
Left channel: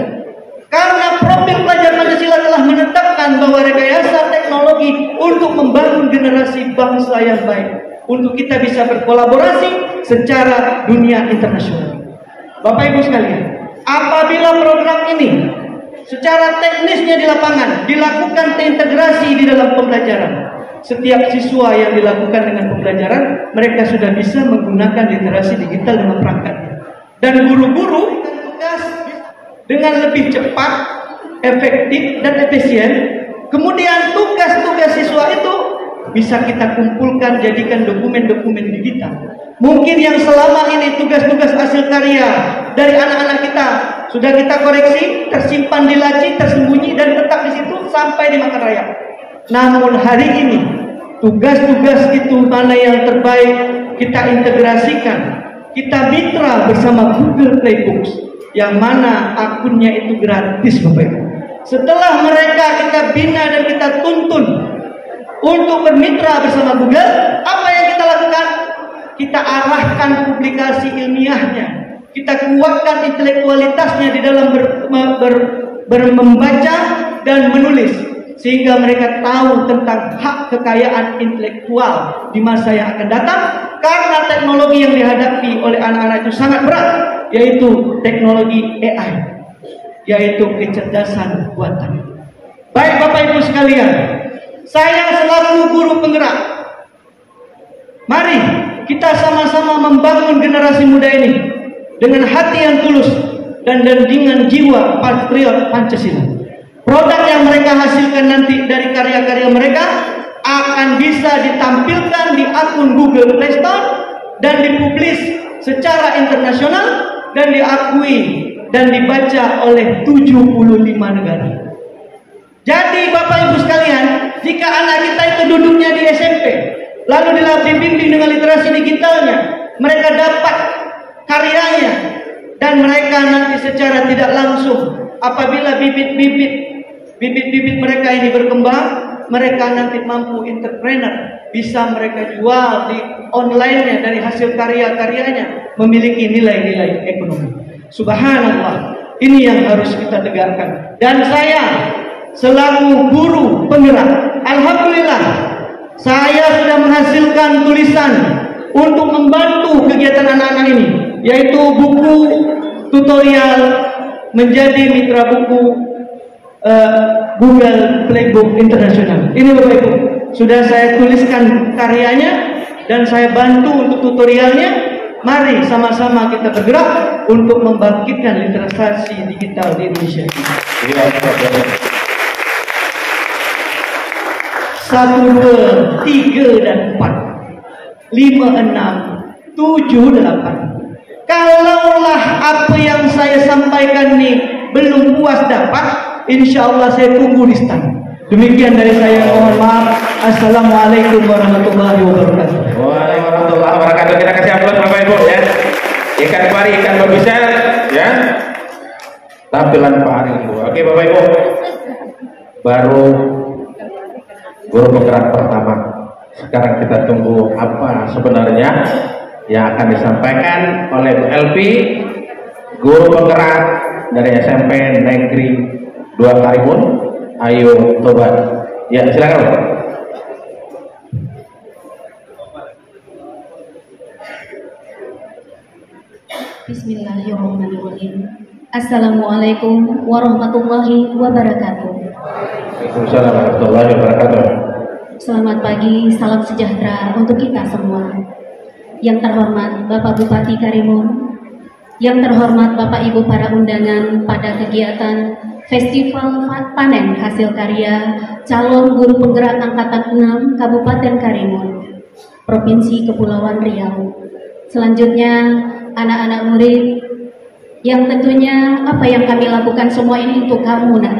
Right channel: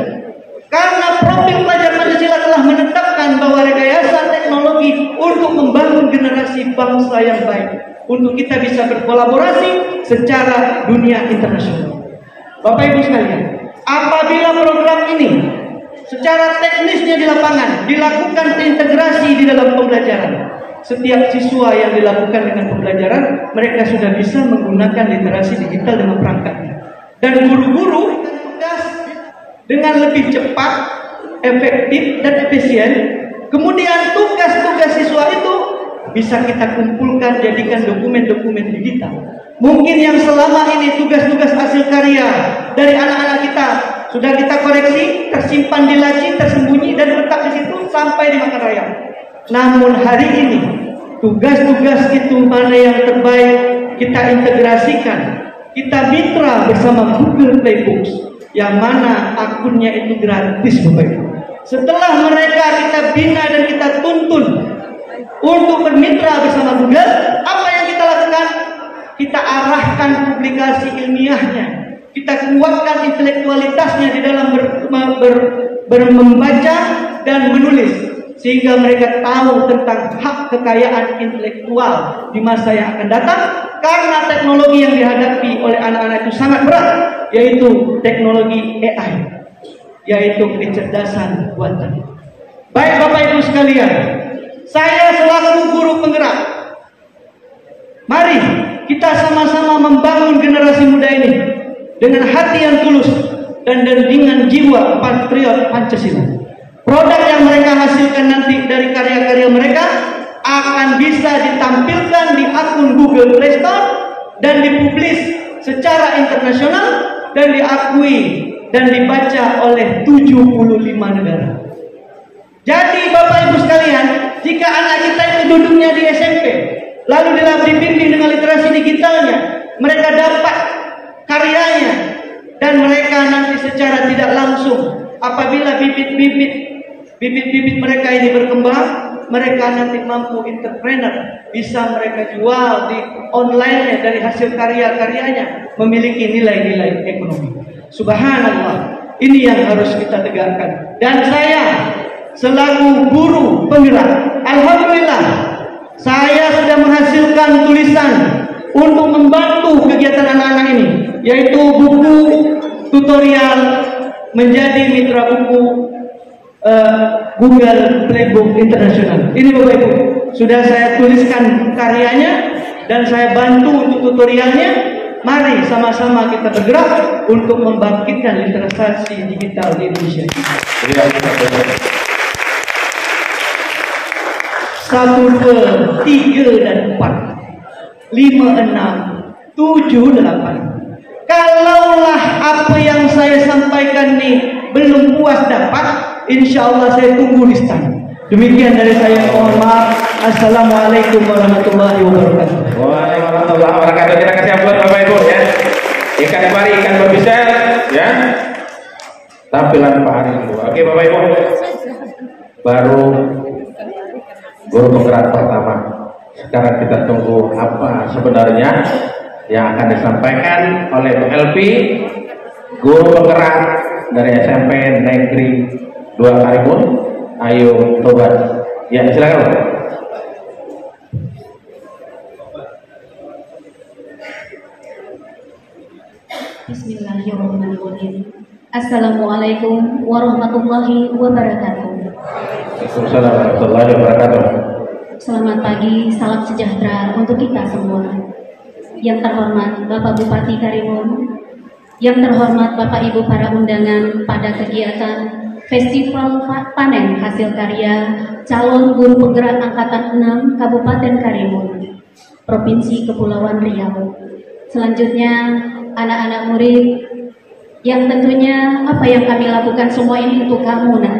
Karena profil pelajar Pancasila telah menetapkan bahwa rekayasa teknologi untuk membangun generasi bangsa yang baik, untuk kita bisa berkolaborasi secara dunia internasional. Bapak Ibu sekalian, apabila program ini secara teknisnya di lapangan dilakukan terintegrasi di dalam pembelajaran, setiap siswa yang dilakukan dengan pembelajaran, mereka sudah bisa menggunakan literasi digital dengan perangkatnya. Dan guru-guru dengan lebih cepat, efektif, dan efisien. Kemudian tugas-tugas siswa itu bisa kita kumpulkan, jadikan dokumen-dokumen digital. Mungkin yang selama ini tugas-tugas hasil karya dari anak-anak kita sudah kita koreksi, tersimpan di laci, tersembunyi, dan tetap di situ sampai di makan raya. Namun hari ini tugas-tugas itu mana yang terbaik kita integrasikan, kita mitra bersama Google Play Books, yang mana akunnya itu gratis Bapak Ibu. Setelah mereka kita bina dan kita tuntun untuk bermitra bersama Google, apa yang kita lakukan? Kita arahkan publikasi ilmiahnya, kita kuatkan intelektualitasnya di dalam membaca dan menulis, sehingga mereka tahu tentang hak kekayaan intelektual di masa yang akan datang. Karena teknologi yang dihadapi oleh anak-anak itu sangat berat, yaitu teknologi AI, yaitu kecerdasan buatan. Baik Bapak Ibu sekalian, saya selaku guru penggerak, mari kita sama-sama membangun generasi muda ini dengan hati yang tulus dan dengan jiwa patriot Pancasila. Produk yang mereka hasilkan nanti dari karya-karya mereka akan bisa ditampilkan di akun Google Play Store dan dipublis secara internasional dan diakui dan dibaca oleh 75 negara. Jadi Bapak Ibu sekalian, jika anak kita itu duduknya di SMP, lalu dibimbing dengan literasi digitalnya, mereka dapat karyanya, dan mereka nanti secara tidak langsung, apabila bibit-bibit mereka ini berkembang, mereka nanti mampu entrepreneur, bisa mereka jual di online-nya dari hasil karya-karyanya, memiliki nilai-nilai ekonomi. Subhanallah, ini yang harus kita tegakkan. Dan saya selaku guru penggerak, alhamdulillah saya sudah menghasilkan tulisan untuk membantu kegiatan anak-anak ini, yaitu buku tutorial menjadi mitra buku Google Playbook Internasional. Ini Bapak Ibu, sudah saya tuliskan karyanya dan saya bantu untuk tutorialnya. Mari sama-sama kita bergerak untuk membangkitkan literasi digital di Indonesia. 1, 2, 3 dan 4, 5, 6, 7, 8. Kalaulah apa yang saya sampaikan ini belum puas dapat, insya Allah saya tunggu di stand. Demikian dari saya, mohon maaf. Assalamualaikum warahmatullahi wabarakatuh. Waalaikumsalam warahmatullahi wabarakatuh. Kita kasih ampun Bapak Ibu ya. Ikan pari, ikan bisa ya. Tampilan Pak Hari dulu. Oke Bapak Ibu, baru guru penggerak pertama. Sekarang kita tunggu apa sebenarnya yang akan disampaikan oleh Bu Elvi, guru penggerak dari SMP Negeri 2 Karimun. Ayo coba. Ya silakan Pak. Bismillahirrahmanirrahim. Assalamualaikum warahmatullahi wabarakatuh. Waalaikumsalam warahmatullahi wabarakatuh. Selamat pagi, salam sejahtera untuk kita semua. Yang terhormat Bapak Bupati Karimun, yang terhormat Bapak Ibu para undangan pada kegiatan Festival Panen Hasil Karya Calon Guru Penggerak Angkatan 6 Kabupaten Karimun, Provinsi Kepulauan Riau. Selanjutnya anak-anak murid yang tentunya apa yang kami lakukan semua ini untuk kamu nak.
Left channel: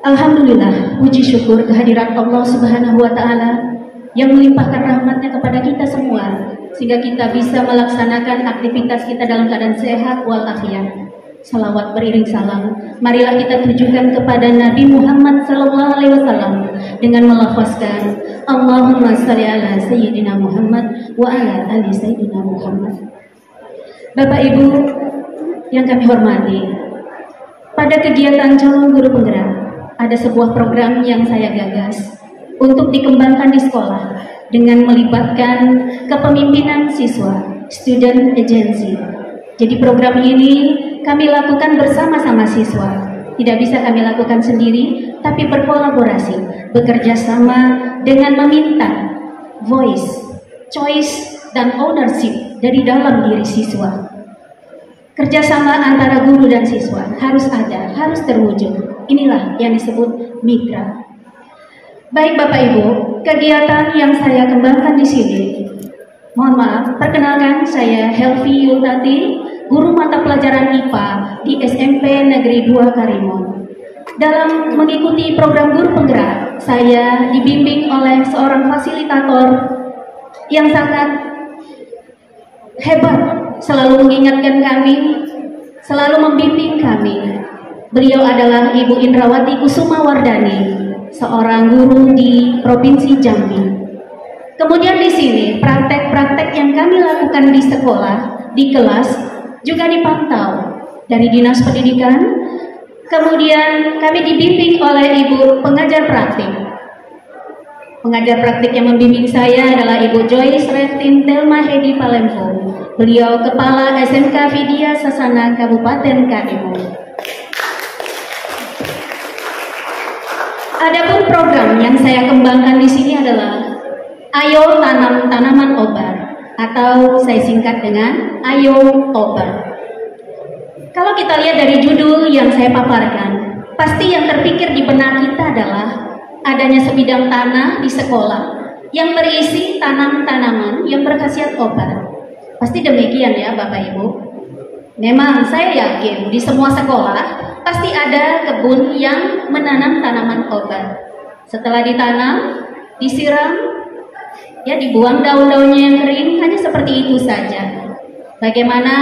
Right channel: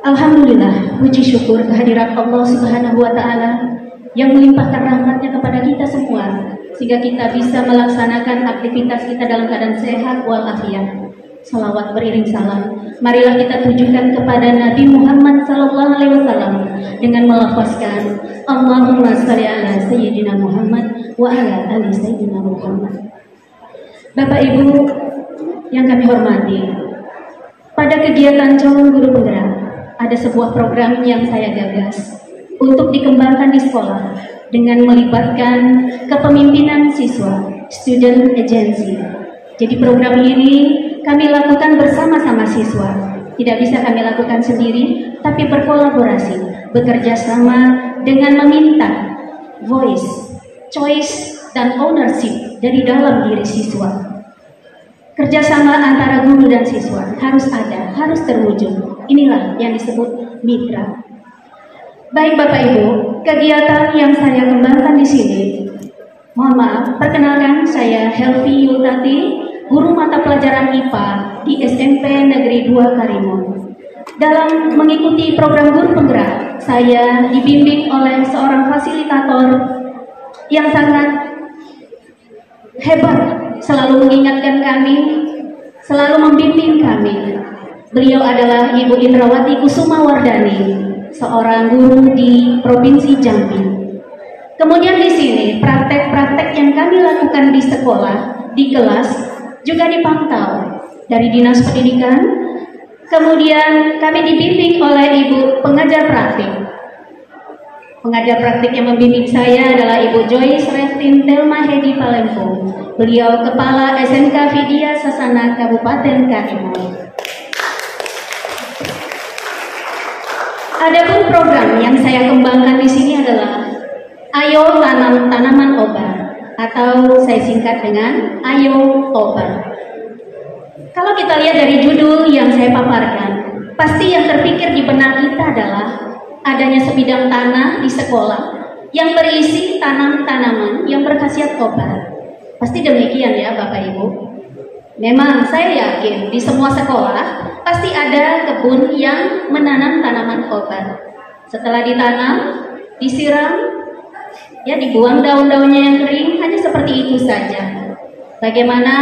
Alhamdulillah, puji syukur kehadirat Allah Subhanahu wa Ta'ala yang melimpahkan rahmatnya kepada kita semua sehingga kita bisa melaksanakan aktivitas kita dalam keadaan sehat walafiat. Salawat beriring salam, marilah kita tujukan kepada Nabi Muhammad SAW dengan melafazkan Allahumma shalli ala Sayyidina Muhammad wa ala ali Sayyidina Muhammad. Bapak Ibu yang kami hormati, pada kegiatan calon guru penggerak ada sebuah program yang saya gagas untuk dikembangkan di sekolah dengan melibatkan kepemimpinan siswa, student agency. Jadi program ini kami lakukan bersama-sama siswa. Tidak bisa kami lakukan sendiri, tapi berkolaborasi, bekerja sama dengan meminta voice, choice, dan ownership dari dalam diri siswa. Kerjasama antara guru dan siswa harus ada, harus terwujud. Inilah yang disebut mitra. Baik Bapak Ibu, kegiatan yang saya kembangkan di sini, mohon maaf, perkenalkan saya Helvi Yultati, guru mata pelajaran IPA di SMP Negeri 2 Karimun. Dalam mengikuti program guru penggerak, saya dibimbing oleh seorang fasilitator yang sangat hebat, selalu mengingatkan kami, selalu membimbing kami. Beliau adalah Ibu Indrawati Kusuma Wardani, seorang guru di Provinsi Jambi. Kemudian di sini praktek-praktek yang kami lakukan di sekolah, di kelas juga dipantau dari Dinas Pendidikan. Kemudian kami dibimbing oleh Ibu pengajar praktik. Pengajar praktik yang membimbing saya adalah Ibu Joyce Revtin Telma Hedi Palempo. Beliau Kepala SMK Vidya Sasana Kabupaten Karimun. Adapun program yang saya kembangkan di sini adalah Ayo Tanam Tanaman Obat, atau saya singkat dengan Ayo Obat. Kalau kita lihat dari judul yang saya paparkan, pasti yang terpikir di benak kita adalah adanya sebidang tanah di sekolah yang berisi tanaman-tanaman yang berkhasiat obat. Pasti demikian ya Bapak Ibu. Memang saya yakin di semua sekolah pasti ada kebun yang menanam tanaman obat. Setelah ditanam, disiram, ya dibuang daun-daunnya yang kering, hanya seperti itu saja. Bagaimana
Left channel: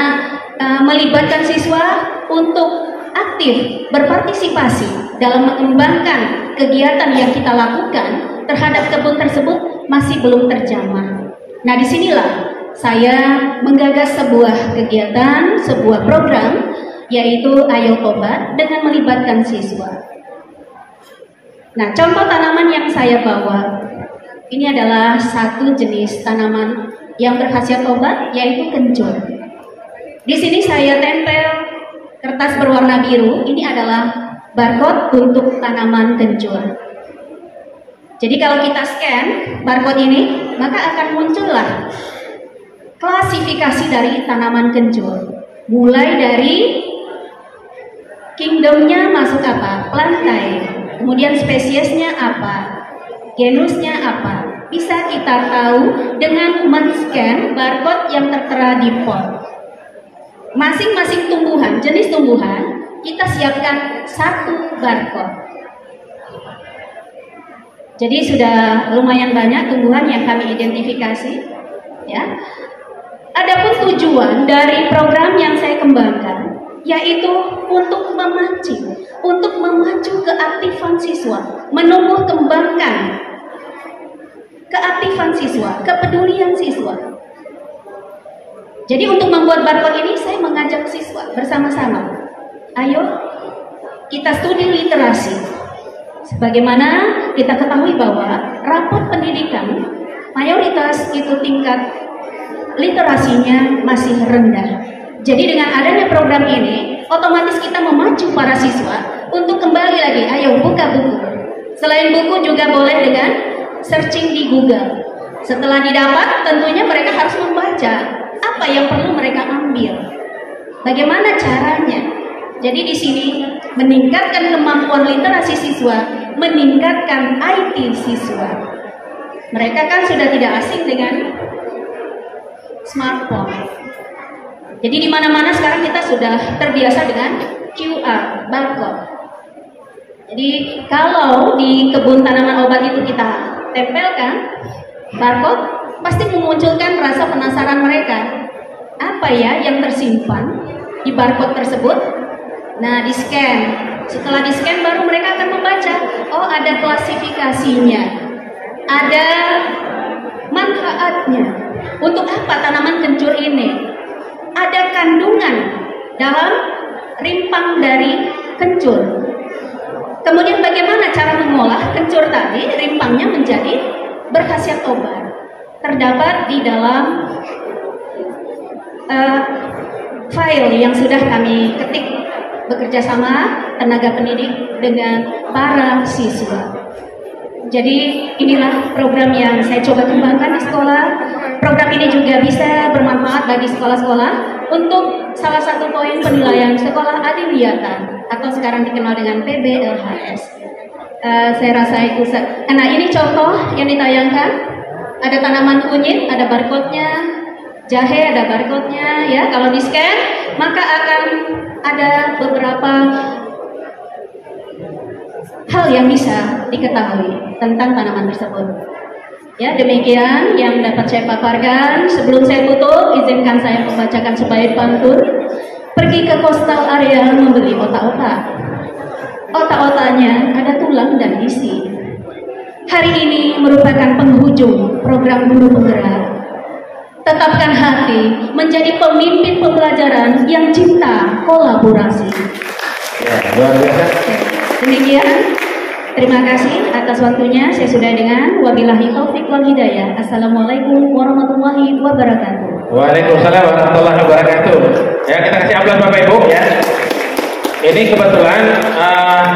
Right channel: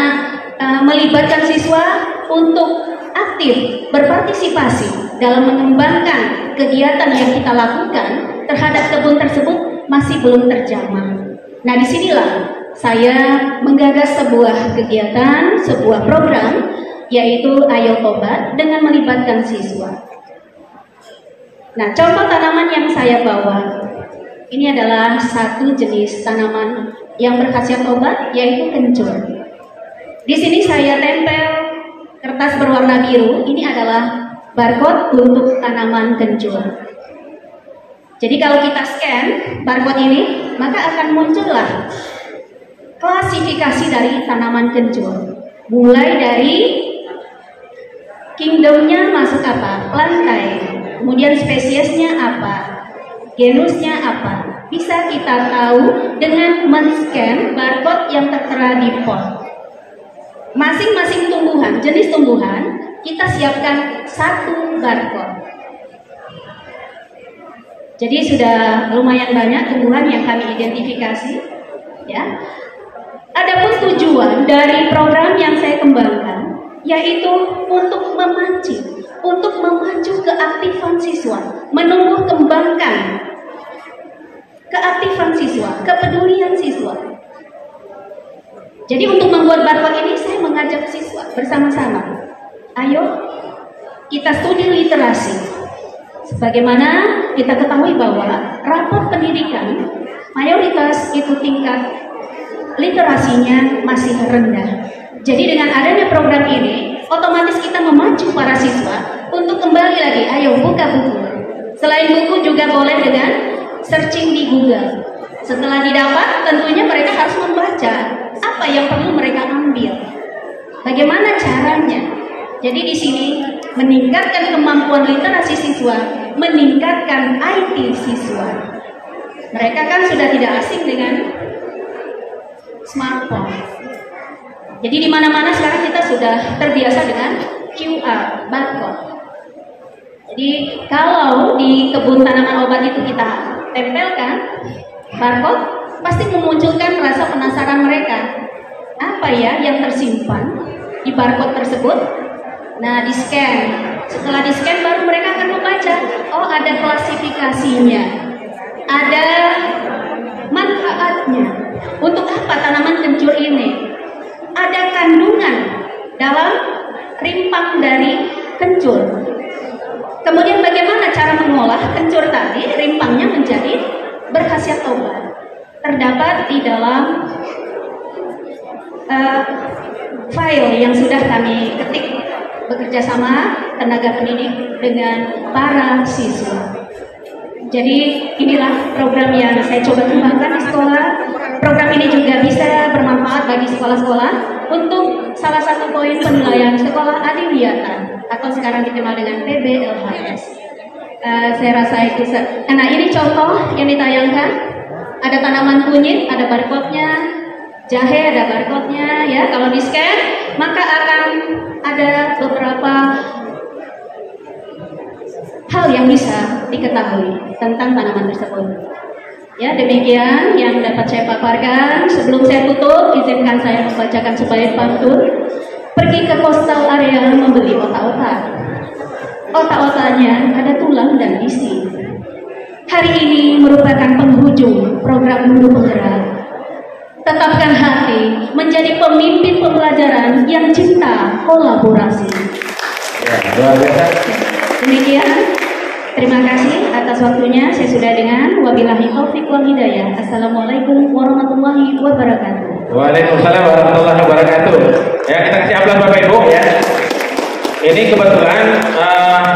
melibatkan siswa untuk aktif berpartisipasi dalam mengembangkan kegiatan yang kita lakukan terhadap kebun tersebut masih belum terjamah. Nah, disinilah saya menggagas sebuah kegiatan, sebuah program, yaitu Ayo Obat dengan melibatkan siswa. Nah, contoh tanaman yang saya bawa ini adalah satu jenis tanaman yang berkhasiat obat, yaitu kencur. Di sini saya tempel kertas berwarna biru. Ini adalah barcode untuk tanaman kencur. Jadi kalau kita scan barcode ini, maka akan muncullah klasifikasi dari tanaman kencur. Mulai dari kingdomnya masuk apa? Lantai. Kemudian spesiesnya apa? Genusnya apa? Bisa kita tahu dengan men-scan barcode yang tertera di pot. Masing-masing tumbuhan, jenis tumbuhan, kita siapkan satu barcode. Jadi sudah lumayan banyak tumbuhan yang kami identifikasi, ya. Adapun tujuan dari program yang saya kembangkan yaitu untuk memacu keaktifan siswa, menumbuh kembangkan keaktifan siswa, kepedulian siswa. Jadi untuk membuat barcode ini saya mengajak siswa bersama-sama. Ayo kita studi literasi. Sebagaimana kita ketahui bahwa rapat pendidikan mayoritas itu tingkat literasinya masih rendah. Jadi dengan adanya program ini, otomatis kita memacu para siswa untuk kembali lagi, ayo buka buku. Selain buku juga boleh dengan searching di Google. Setelah didapat, tentunya mereka harus membaca apa yang perlu mereka ambil. Bagaimana caranya? Jadi di sini meningkatkan kemampuan literasi siswa, meningkatkan IT siswa. Mereka kan sudah tidak asing dengan smartphone. Jadi di mana-mana sekarang kita sudah terbiasa dengan QR, barcode. Jadi kalau di kebun tanaman obat itu kita tempelkan barcode, pasti memunculkan rasa penasaran mereka. Apa ya yang tersimpan di barcode tersebut? Nah, di scan. Setelah di scan baru mereka akan membaca. Oh, ada klasifikasinya, ada manfaatnya. Untuk apa tanaman kencur ini? Ada kandungan dalam rimpang dari kencur. Kemudian bagaimana cara mengolah kencur tadi, rimpangnya menjadi berkhasiat obat. Terdapat di dalam file yang sudah kami ketik bekerja sama tenaga pendidik dengan para siswa. Jadi inilah program yang saya coba kembangkan di sekolah. Program ini juga bisa bermanfaat bagi sekolah-sekolah untuk salah satu poin penilaian sekolah adiwiyata atau sekarang dikenal dengan PBLHS. Saya rasa itu. Nah, ini contoh yang ditayangkan. Ada tanaman kunyit, ada barcode-nya. Jahe ada barcode-nya, ya. Kalau di scan maka akan ada beberapa hal yang bisa diketahui tentang tanaman tersebut. Ya, demikian yang dapat saya paparkan. Sebelum saya tutup, izinkan saya membacakan sebaik pantun. Pergi ke coastal area membeli otak-otak. Otak-otaknya ada tulang dan isi. Hari ini merupakan penghujung program guru penggerak. Tetapkan hati menjadi pemimpin pembelajaran yang cinta kolaborasi. Demikian, terima kasih atas waktunya. Saya sudah dengan wabillahi taufiq wal hidayah. Assalamualaikum warahmatullahi wabarakatuh. Waalaikumsalam warahmatullahi wabarakatuh. Ya, kita kasih aplaus Bapak Ibu ya. Ini kebetulan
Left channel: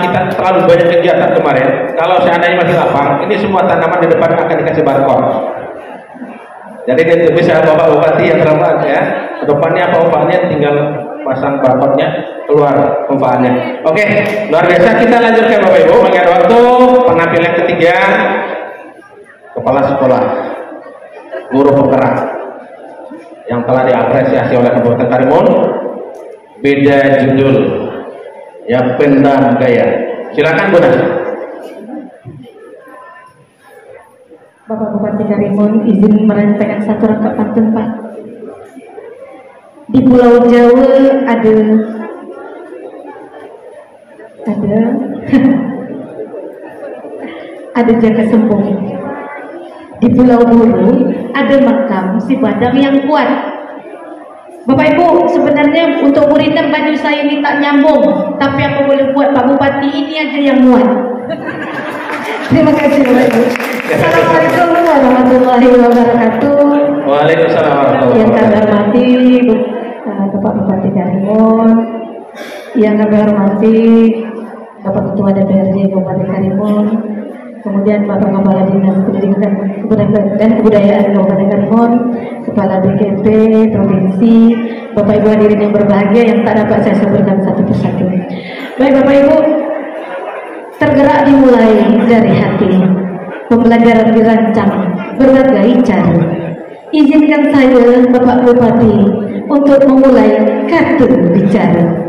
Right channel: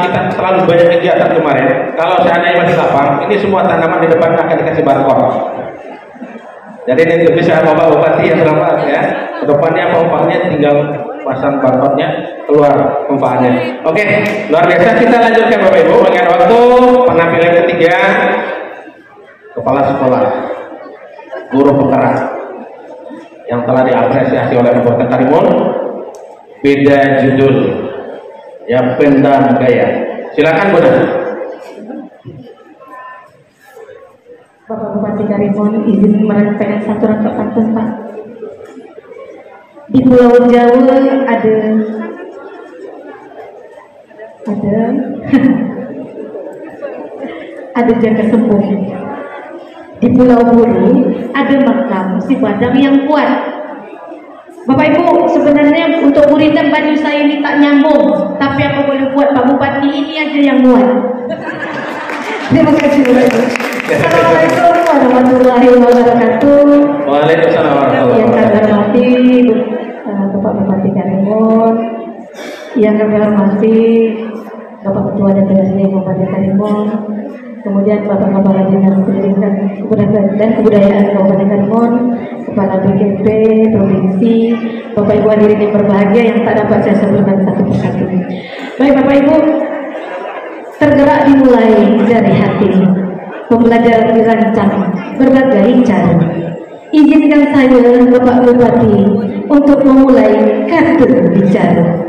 kita terlalu banyak kegiatan kemarin. Kalau seandainya masih lapang, ini semua tanaman di depan akan dikasih barcode. Jadi dia bisa Bapak obati yang selamat ya. Kedepannya apa tinggal pasang barcode-nya keluar manfaatnya. Oke, luar biasa. Kita lanjutkan Bapak Ibu. Mengenai waktu penampilan ketiga, kepala sekolah, guru penggerak yang telah diapresiasi oleh Kabupaten Karimun, beda judul, yang pendam gaya. Silakan Bunda. Bapak Bupati Karimun izin merancangkan satu rangkaian pantun Pak. Di Pulau Jawa ada ada jaka sembung. Di Pulau Buru ada makam si Badang yang kuat. Bapak Ibu, sebenarnya untuk buritan baju saya ini tak nyambung, tapi aku boleh buat Pak Bupati ini aja yang muat. Terima kasih Bapak Ibu. Assalamualaikum warahmatullahi wabarakatuh. Waalaikumsalam warahmatullahi Yang kami wabarakatuh. hormati Bapak Bupati Karimun, yang kami hormati Bapak Ketua DPRD Kabupaten Karimun, kemudian Bapak-Bapak Dinas Pendidikan dan Kebudayaan Kabupaten Karimun, Kepala BKP Provinsi, Bapak Ibu hadirin yang berbahagia yang tak dapat saya sebutkan satu persatu. Baik Bapak Ibu, tergerak dimulai dari hati, pembelajaran dirancang berbagai cara. Izinkan saya Bapak Bupati untuk memulai kartu bicara.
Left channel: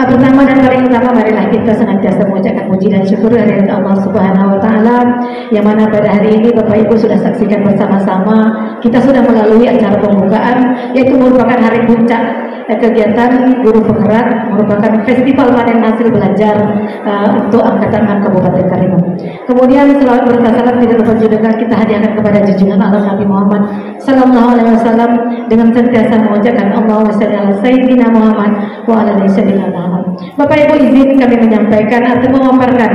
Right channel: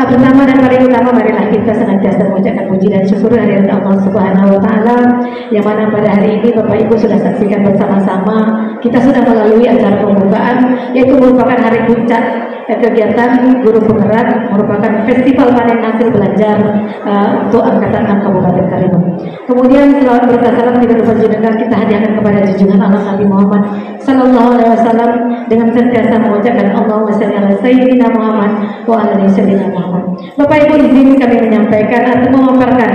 Pertama dan paling utama, marilah kita senantiasa mengucapkan puji dan syukur kehadirat Allah Subhanahu wa Ta'ala, yang mana pada hari ini Bapak Ibu sudah saksikan bersama-sama kita sudah melalui acara pembukaan, yaitu merupakan hari puncak kegiatan guru penggerak, merupakan festival panen hasil belajar untuk angkatan Kabupaten Karimun. Kemudian selawat berkah salam tidak berjudulkan kita hadiahkan kepada junjungan Allah Nabi Muhammad Sallallahu Alaihi Wasallam dengan sentiasa mengucapkan Allahumma shalli ala Sayyidina Muhammad wa ala ali Sayyidina Muhammad. Bapak Ibu, izin kami menyampaikan atau memaparkan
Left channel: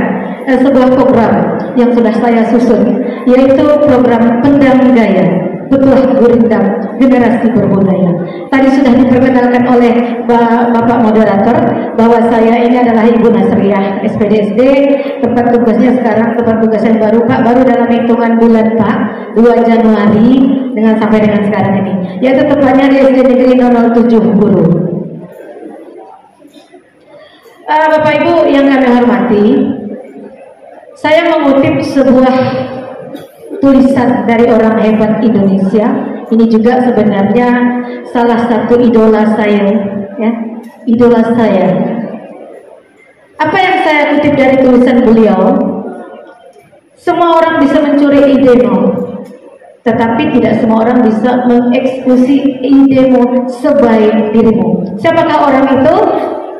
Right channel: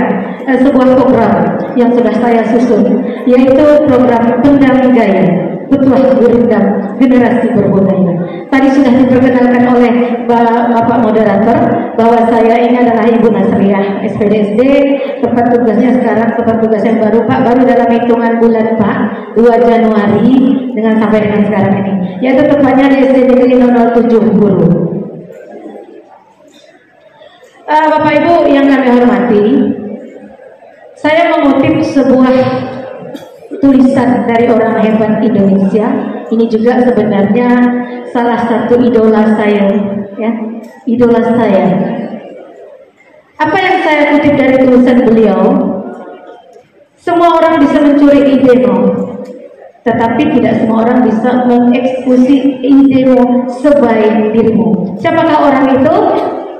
sebuah program yang sudah saya susun, yaitu program Pendam Gaya, Petuah Gurindam Generasi Berbudaya. Tadi sudah diperkenalkan oleh Bapak Moderator bahwa saya ini adalah Ibu Nasriah SPDSD. Tempat tugasnya sekarang, tempat tugas yang baru Pak, baru dalam hitungan bulan Pak, 2 Januari dengan sampai dengan sekarang ini, yaitu tepatnya di SD Negeri 007 Guru. Bapak Ibu yang kami hormati, saya mengutip sebuah tulisan dari orang hebat Indonesia. Ini juga sebenarnya salah satu idola saya, ya, idola saya. Apa yang saya kutip dari tulisan beliau? Semua orang bisa mencuri idemu, tetapi tidak semua orang bisa mengeksekusi idemu sebaik dirimu. Siapakah orang itu?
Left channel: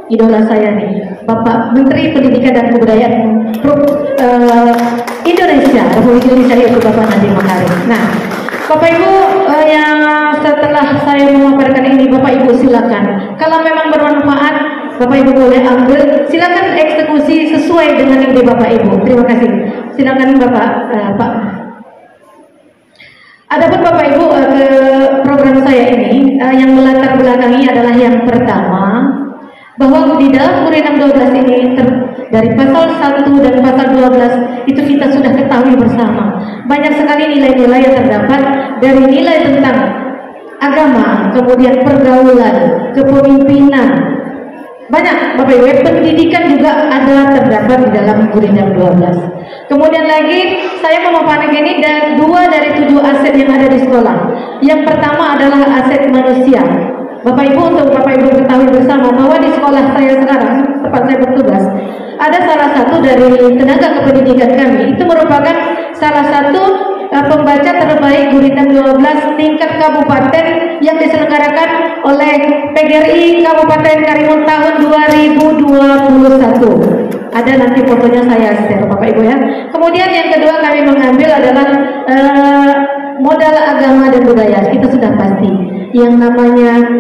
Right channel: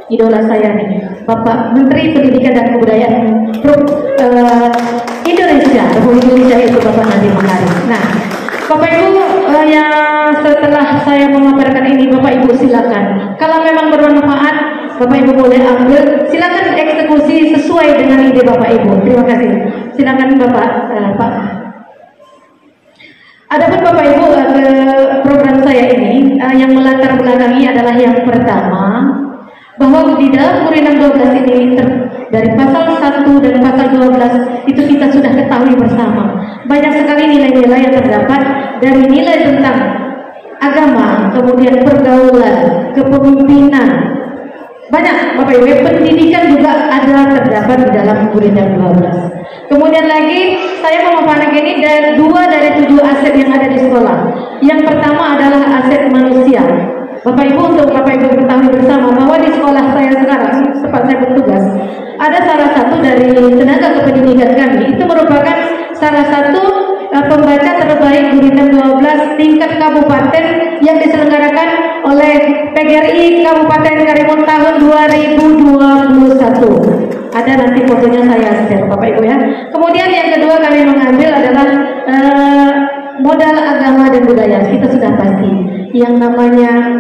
Idola saya nih, Bapak Menteri Pendidikan dan Kebudayaan Indonesia, yaitu Bapak Nadiem Makarim. Nah, Bapak Ibu, setelah saya memaparkan ini, Bapak Ibu silakan. Kalau memang bermanfaat, Bapak Ibu boleh ambil. Silakan eksekusi sesuai dengan ide Bapak Ibu. Terima kasih. Silakan Bapak. Pak. Adapun Bapak Ibu, ke program saya ini yang melatar belakangi adalah yang pertama, bahwa di dalam Undang-Undang 12 ini dari pasal 1 dan pasal 12 itu kita sudah ketahui bersama. Banyak sekali nilai-nilai yang terdapat dari nilai tentang agama, kemudian pergaulan, kepemimpinan. Banyak Bapak Ibu, pendidikan juga ada terdapat di dalam Undang-Undang 12. Kemudian lagi saya memaparkan ini dan 2 dari 7 aset yang ada di sekolah. Yang pertama adalah aset manusia. Bapak Ibu, untuk Bapak Ibu ketahui bersama bahwa di sekolah saya sekarang, tempat saya bertugas, ada salah satu dari tenaga kependidikan kami, itu merupakan salah satu pembaca terbaik Gurindam 12 tingkat kabupaten yang diselenggarakan oleh PGRI Kabupaten Karimun tahun 2021. Ada nanti fotonya saya share Bapak Ibu ya. Kemudian yang kedua kami mengambil adalah modal agama dan budaya. Kita sudah pasti yang namanya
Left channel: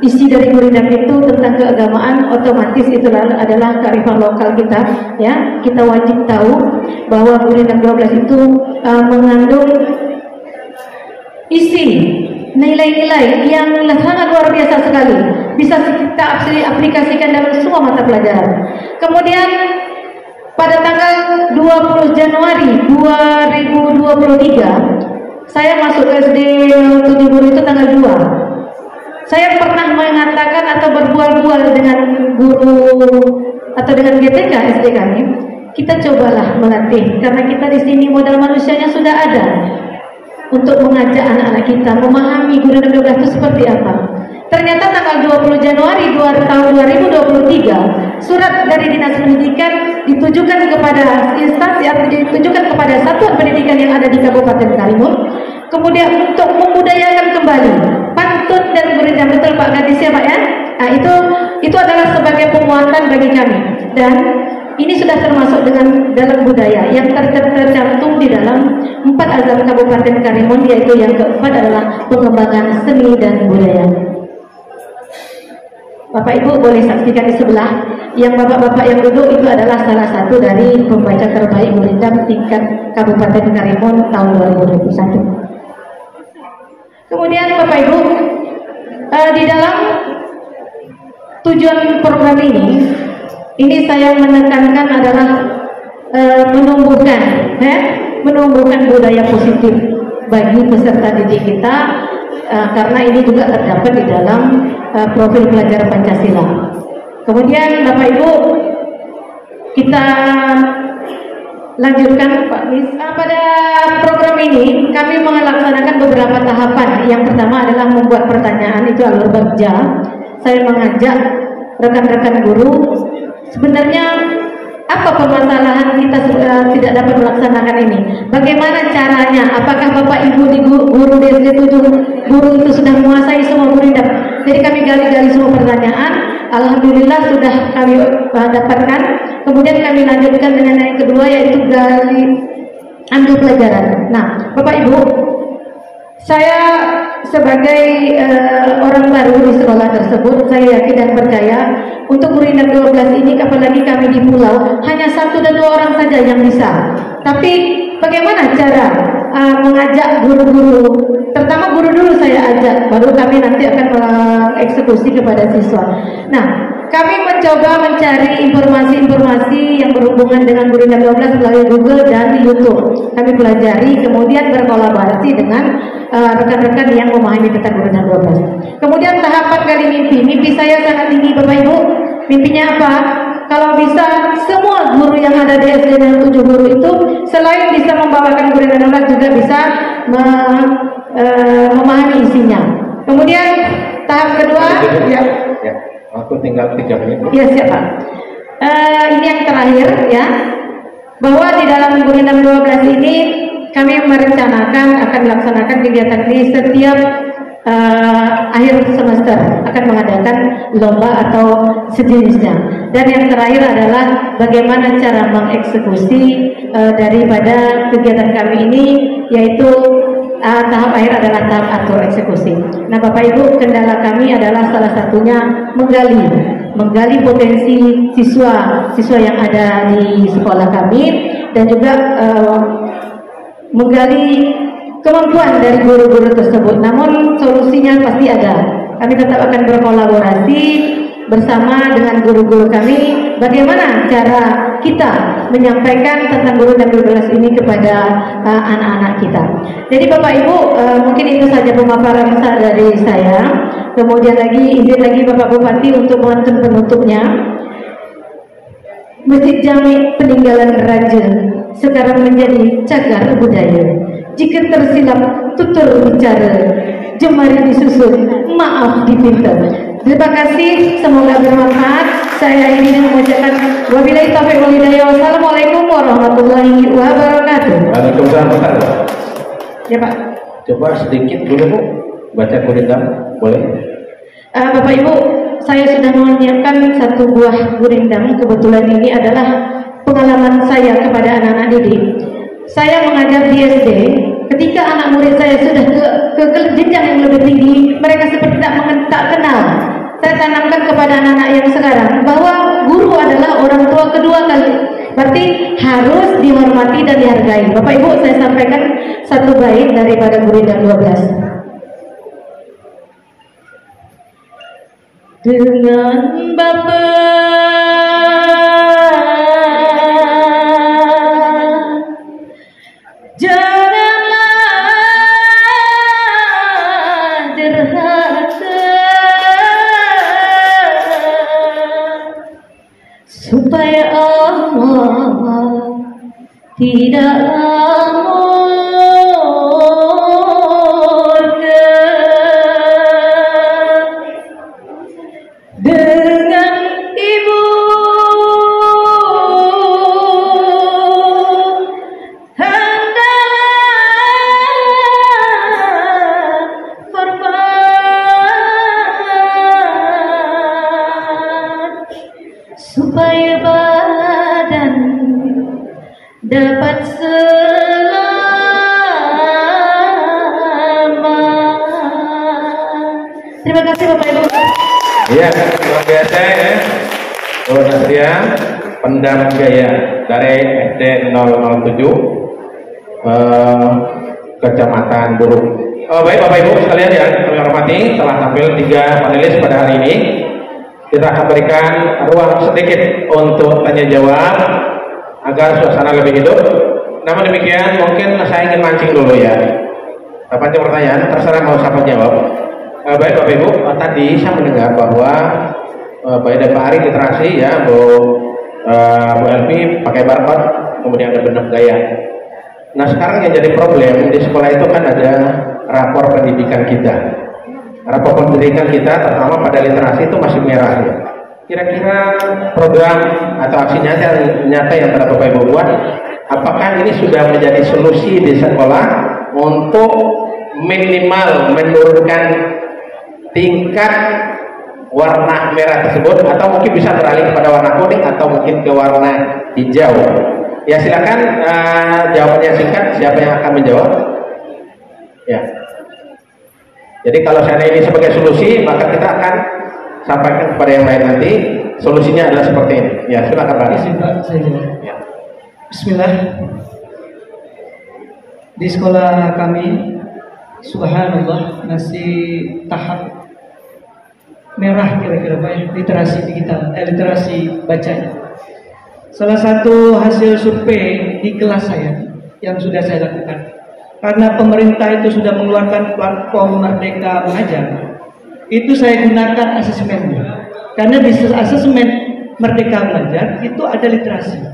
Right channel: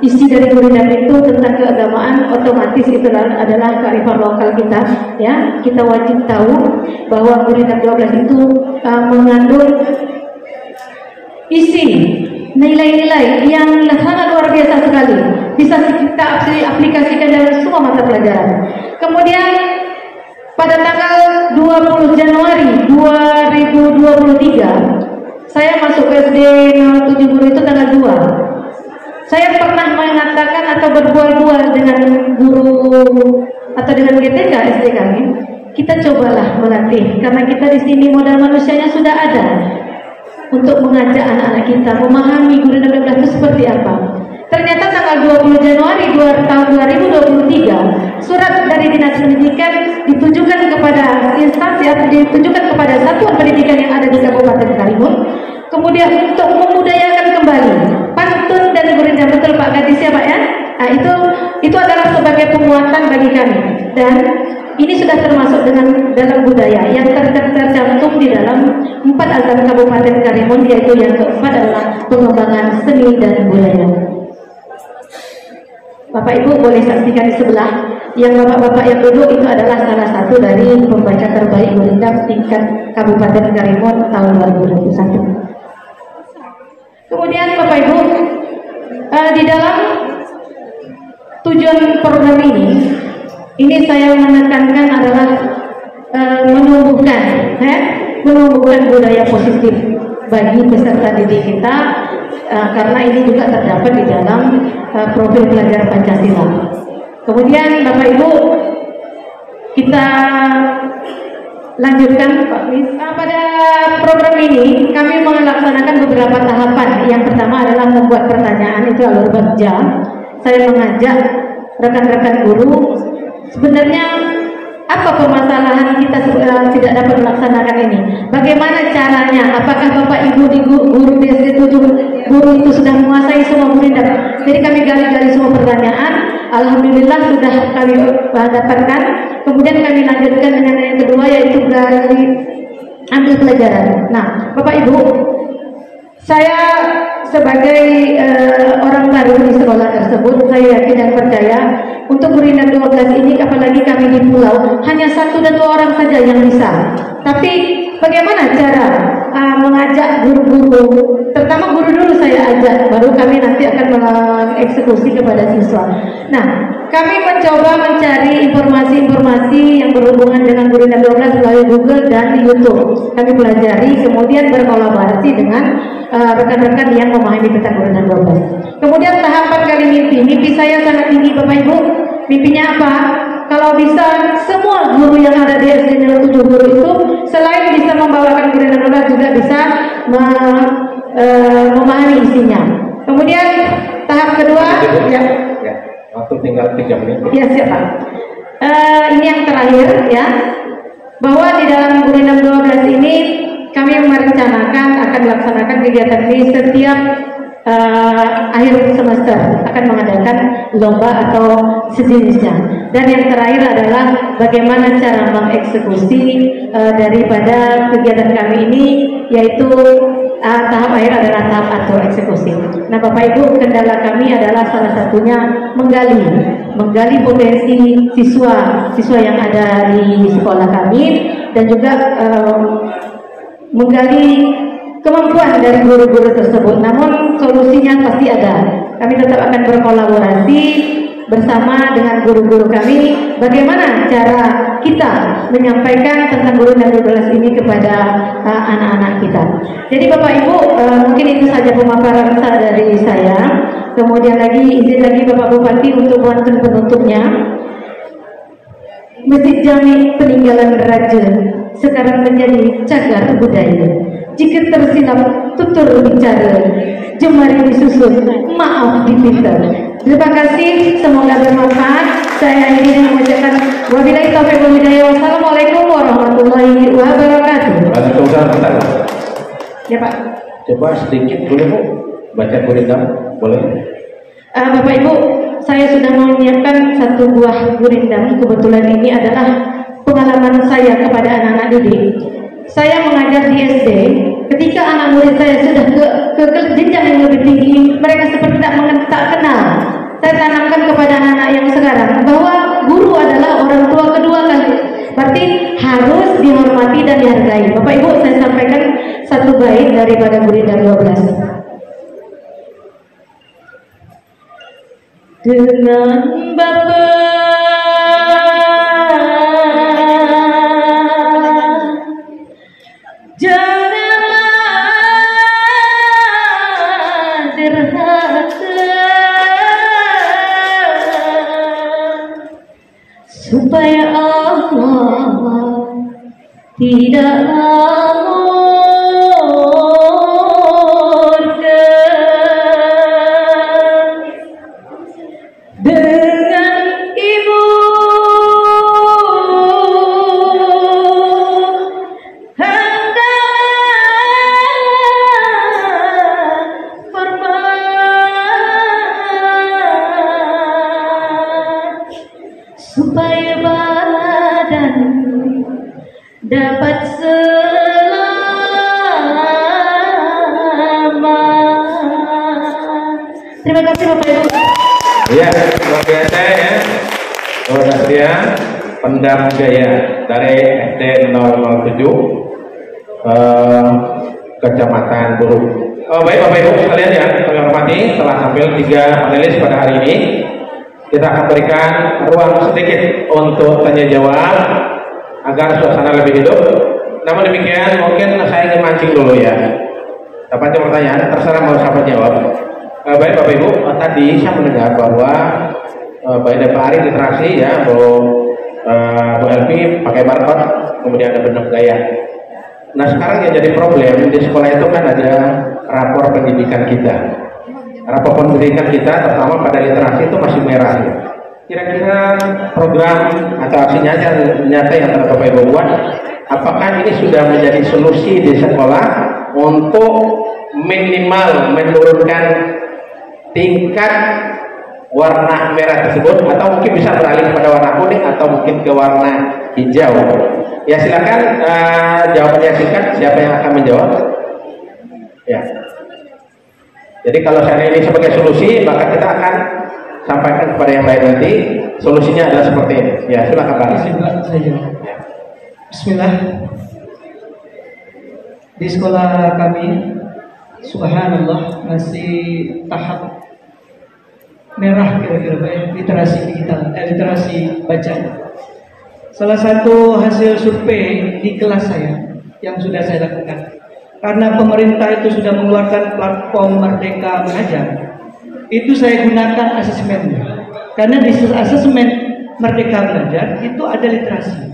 isi dari Gurindam itu tentang keagamaan, otomatis itu adalah kearifan lokal kita, ya. Kita wajib tahu bahwa Gurindam 12 itu mengandung isi nilai-nilai yang sangat luar biasa sekali, bisa kita aplikasikan dalam semua mata pelajaran. Kemudian pada tanggal 20 Januari 2023 saya masuk SD 7 Guru itu tanggal 2. Saya pernah mengatakan atau berbual-bual dengan guru atau dengan GTK SD kami, kita cobalah melatih karena kita di sini modal manusianya sudah ada untuk mengajak anak-anak kita memahami guru dan 12 itu seperti apa. Ternyata tanggal 20 Januari tahun 2023 surat dari Dinas Pendidikan ditujukan kepada instansi atau ditujukan kepada satuan pendidikan yang ada di Kabupaten Karimun, kemudian untuk memudayakan kembali pantun dan gurindam. Betul Pak Gadis ya Pak ya? Nah itu adalah sebagai penguatan bagi kami, dan ini sudah termasuk dalam budaya yang tercantum di dalam 4 azam Kabupaten Karimun, yaitu yang keempat adalah pengembangan seni dan budaya. Bapak Ibu boleh saksikan di sebelah, yang bapak-bapak yang duduk itu adalah salah satu dari pembaca terbaik gurindam tingkat Kabupaten Karimun tahun 2021. Kemudian Bapak Ibu, di dalam tujuan program ini saya menekankan adalah menumbuhkan budaya positif bagi peserta didik kita, karena ini juga terdapat di dalam profil pelajar Pancasila. Kemudian Bapak Ibu, kita lanjutkan Pak Mis. Pada program ini kami melaksanakan beberapa tahapan. Yang pertama adalah membuat pertanyaan, itu alur bagja. Saya mengajak rekan-rekan guru, sebenarnya apa permasalahan kita tidak dapat melaksanakan ini? Bagaimana caranya? Apakah Bapak Ibu di guru di SD 7 guru itu sudah menguasai semua gurindam? Jadi kami gali-gali semua pertanyaan. Alhamdulillah sudah kami dapatkan. Kemudian kami lanjutkan dengan yang kedua, yaitu gali ambil pelajaran. Nah, Bapak Ibu, saya sebagai orang baru di sekolah tersebut, saya yakin dan percaya untuk gurindam 12 ini, apalagi kami di pulau, hanya 1 dan 2 orang saja yang bisa. Tapi bagaimana cara mengajak guru-guru, terutama guru dulu saya ajak, baru kami nanti akan mengeksekusi kepada siswa. Nah, kami mencoba mencari informasi-informasi yang berhubungan dengan gurindam 12 melalui Google dan YouTube. Kami pelajari, kemudian berkolaborasi dengan rekan-rekan yang memahami tentang gurindam 12. Kemudian tahapan kali mimpi saya sangat tinggi Bapak Ibu. Mimpinya apa? Kalau bisa semua guru yang ada di SD 7 guru itu selain bisa membawakan gurindam 12 juga bisa memahami isinya. Kemudian tahap kedua, ya, waktu tinggal 3 menit. Ya siap Pak. Ini yang terakhir ya, bahwa di dalam gurindam 12 ini kami merencanakan akan melaksanakan kegiatan ini setiap akhir semester, akan mengadakan lomba atau sejenisnya. Dan yang terakhir adalah bagaimana cara mengeksekusi daripada kegiatan kami ini, yaitu tahap akhir adalah tahap atur eksekusi. Nah Bapak Ibu, kendala kami adalah salah satunya menggali potensi siswa yang ada di sekolah kami, dan juga menggali kemampuan dari guru-guru tersebut. Namun solusinya pasti ada. Kami tetap akan berkolaborasi bersama dengan guru-guru kami, bagaimana cara kita menyampaikan tentang gurindam 12 ini kepada anak-anak kita. Jadi Bapak Ibu, mungkin itu saja pemaparan dari saya. Kemudian izin lagi Bapak Bupati untuk pantun penutupnya. Masjid Jami peninggalan raja sekarang menjadi cagar budaya. Jika tersilap tutur bicara, jemari disusun, maaf dipinta. Terima kasih, semoga bermanfaat. Saya ingin mengucapkan wabillahi taufiq wal hidayah. Wassalamualaikum warahmatullahi wabarakatuh. Waalaikumsalam. Ya Pak. Coba sedikit dulu Bu, baca gurindam, boleh? Bapak Ibu, saya sudah menyiapkan 1 buah gurindam. Kebetulan ini adalah pengalaman saya kepada anak-anak didik. Saya mengajar di SD. Ketika anak murid saya sudah ke jenjang yang lebih tinggi, mereka seperti tak kenal. Saya tanamkan kepada anak-anak yang sekarang bahwa guru adalah orang tua kedua kali. Berarti harus dihormati dan dihargai. Bapak Ibu, saya sampaikan 1 bait daripada gurindam 12. Dengan Bapak janganlah derhaka, supaya Allah tidak dengan ibu hendak korban supaya badan dapat selamat. Terima kasih Bapak Ibu. Ya, luar biasa ya. Luar biasa pendam gaya dari SD 007 Kecamatan Buruk. Baik Bapak Ibu sekalian yang kami hormati, telah tampil 3 panelis pada hari ini. Kita akan berikan ruang sedikit untuk tanya jawab agar suasana lebih hidup. Namun demikian mungkin saya ingin mancing dulu ya. Apa itu pertanyaan? Terserah mau siapa jawab. Baik Bapak Ibu, tadi saya mendengar bahwa baik ada Pak Ari interaksi ya, Bu Elvi pakai marker, kemudian ada benang gaya. Nah sekarang yang jadi problem di sekolah itu kan ada rapor pendidikan kita. Rapor pendidikan kita terutama pada literasi itu masih merah ya. Kira-kira program atau aksi nyata yang telah Bapak Ibu buat, apakah ini sudah menjadi solusi di sekolah untuk minimal menurunkan tingkat warna merah tersebut, atau mungkin bisa beralih kepada warna kuning atau mungkin ke warna hijau? Ya silakan jawabnya singkat. Siapa yang akan menjawab? Ya. Jadi kalau saya ini sebagai solusi, maka kita akan sampaikan kepada yang lain nanti. Solusinya adalah seperti ini. Ya silakan Pak. Ya. Bismillah. Di sekolah kami, subhanallah, masih tahap merah kira-kira baik literasi digital, literasi bacanya. Salah satu hasil survei di kelas saya yang sudah saya lakukan, karena pemerintah itu sudah mengeluarkan platform Merdeka Mengajar, itu saya gunakan asesmennya. Karena di asesmen Merdeka Mengajar itu ada literasi.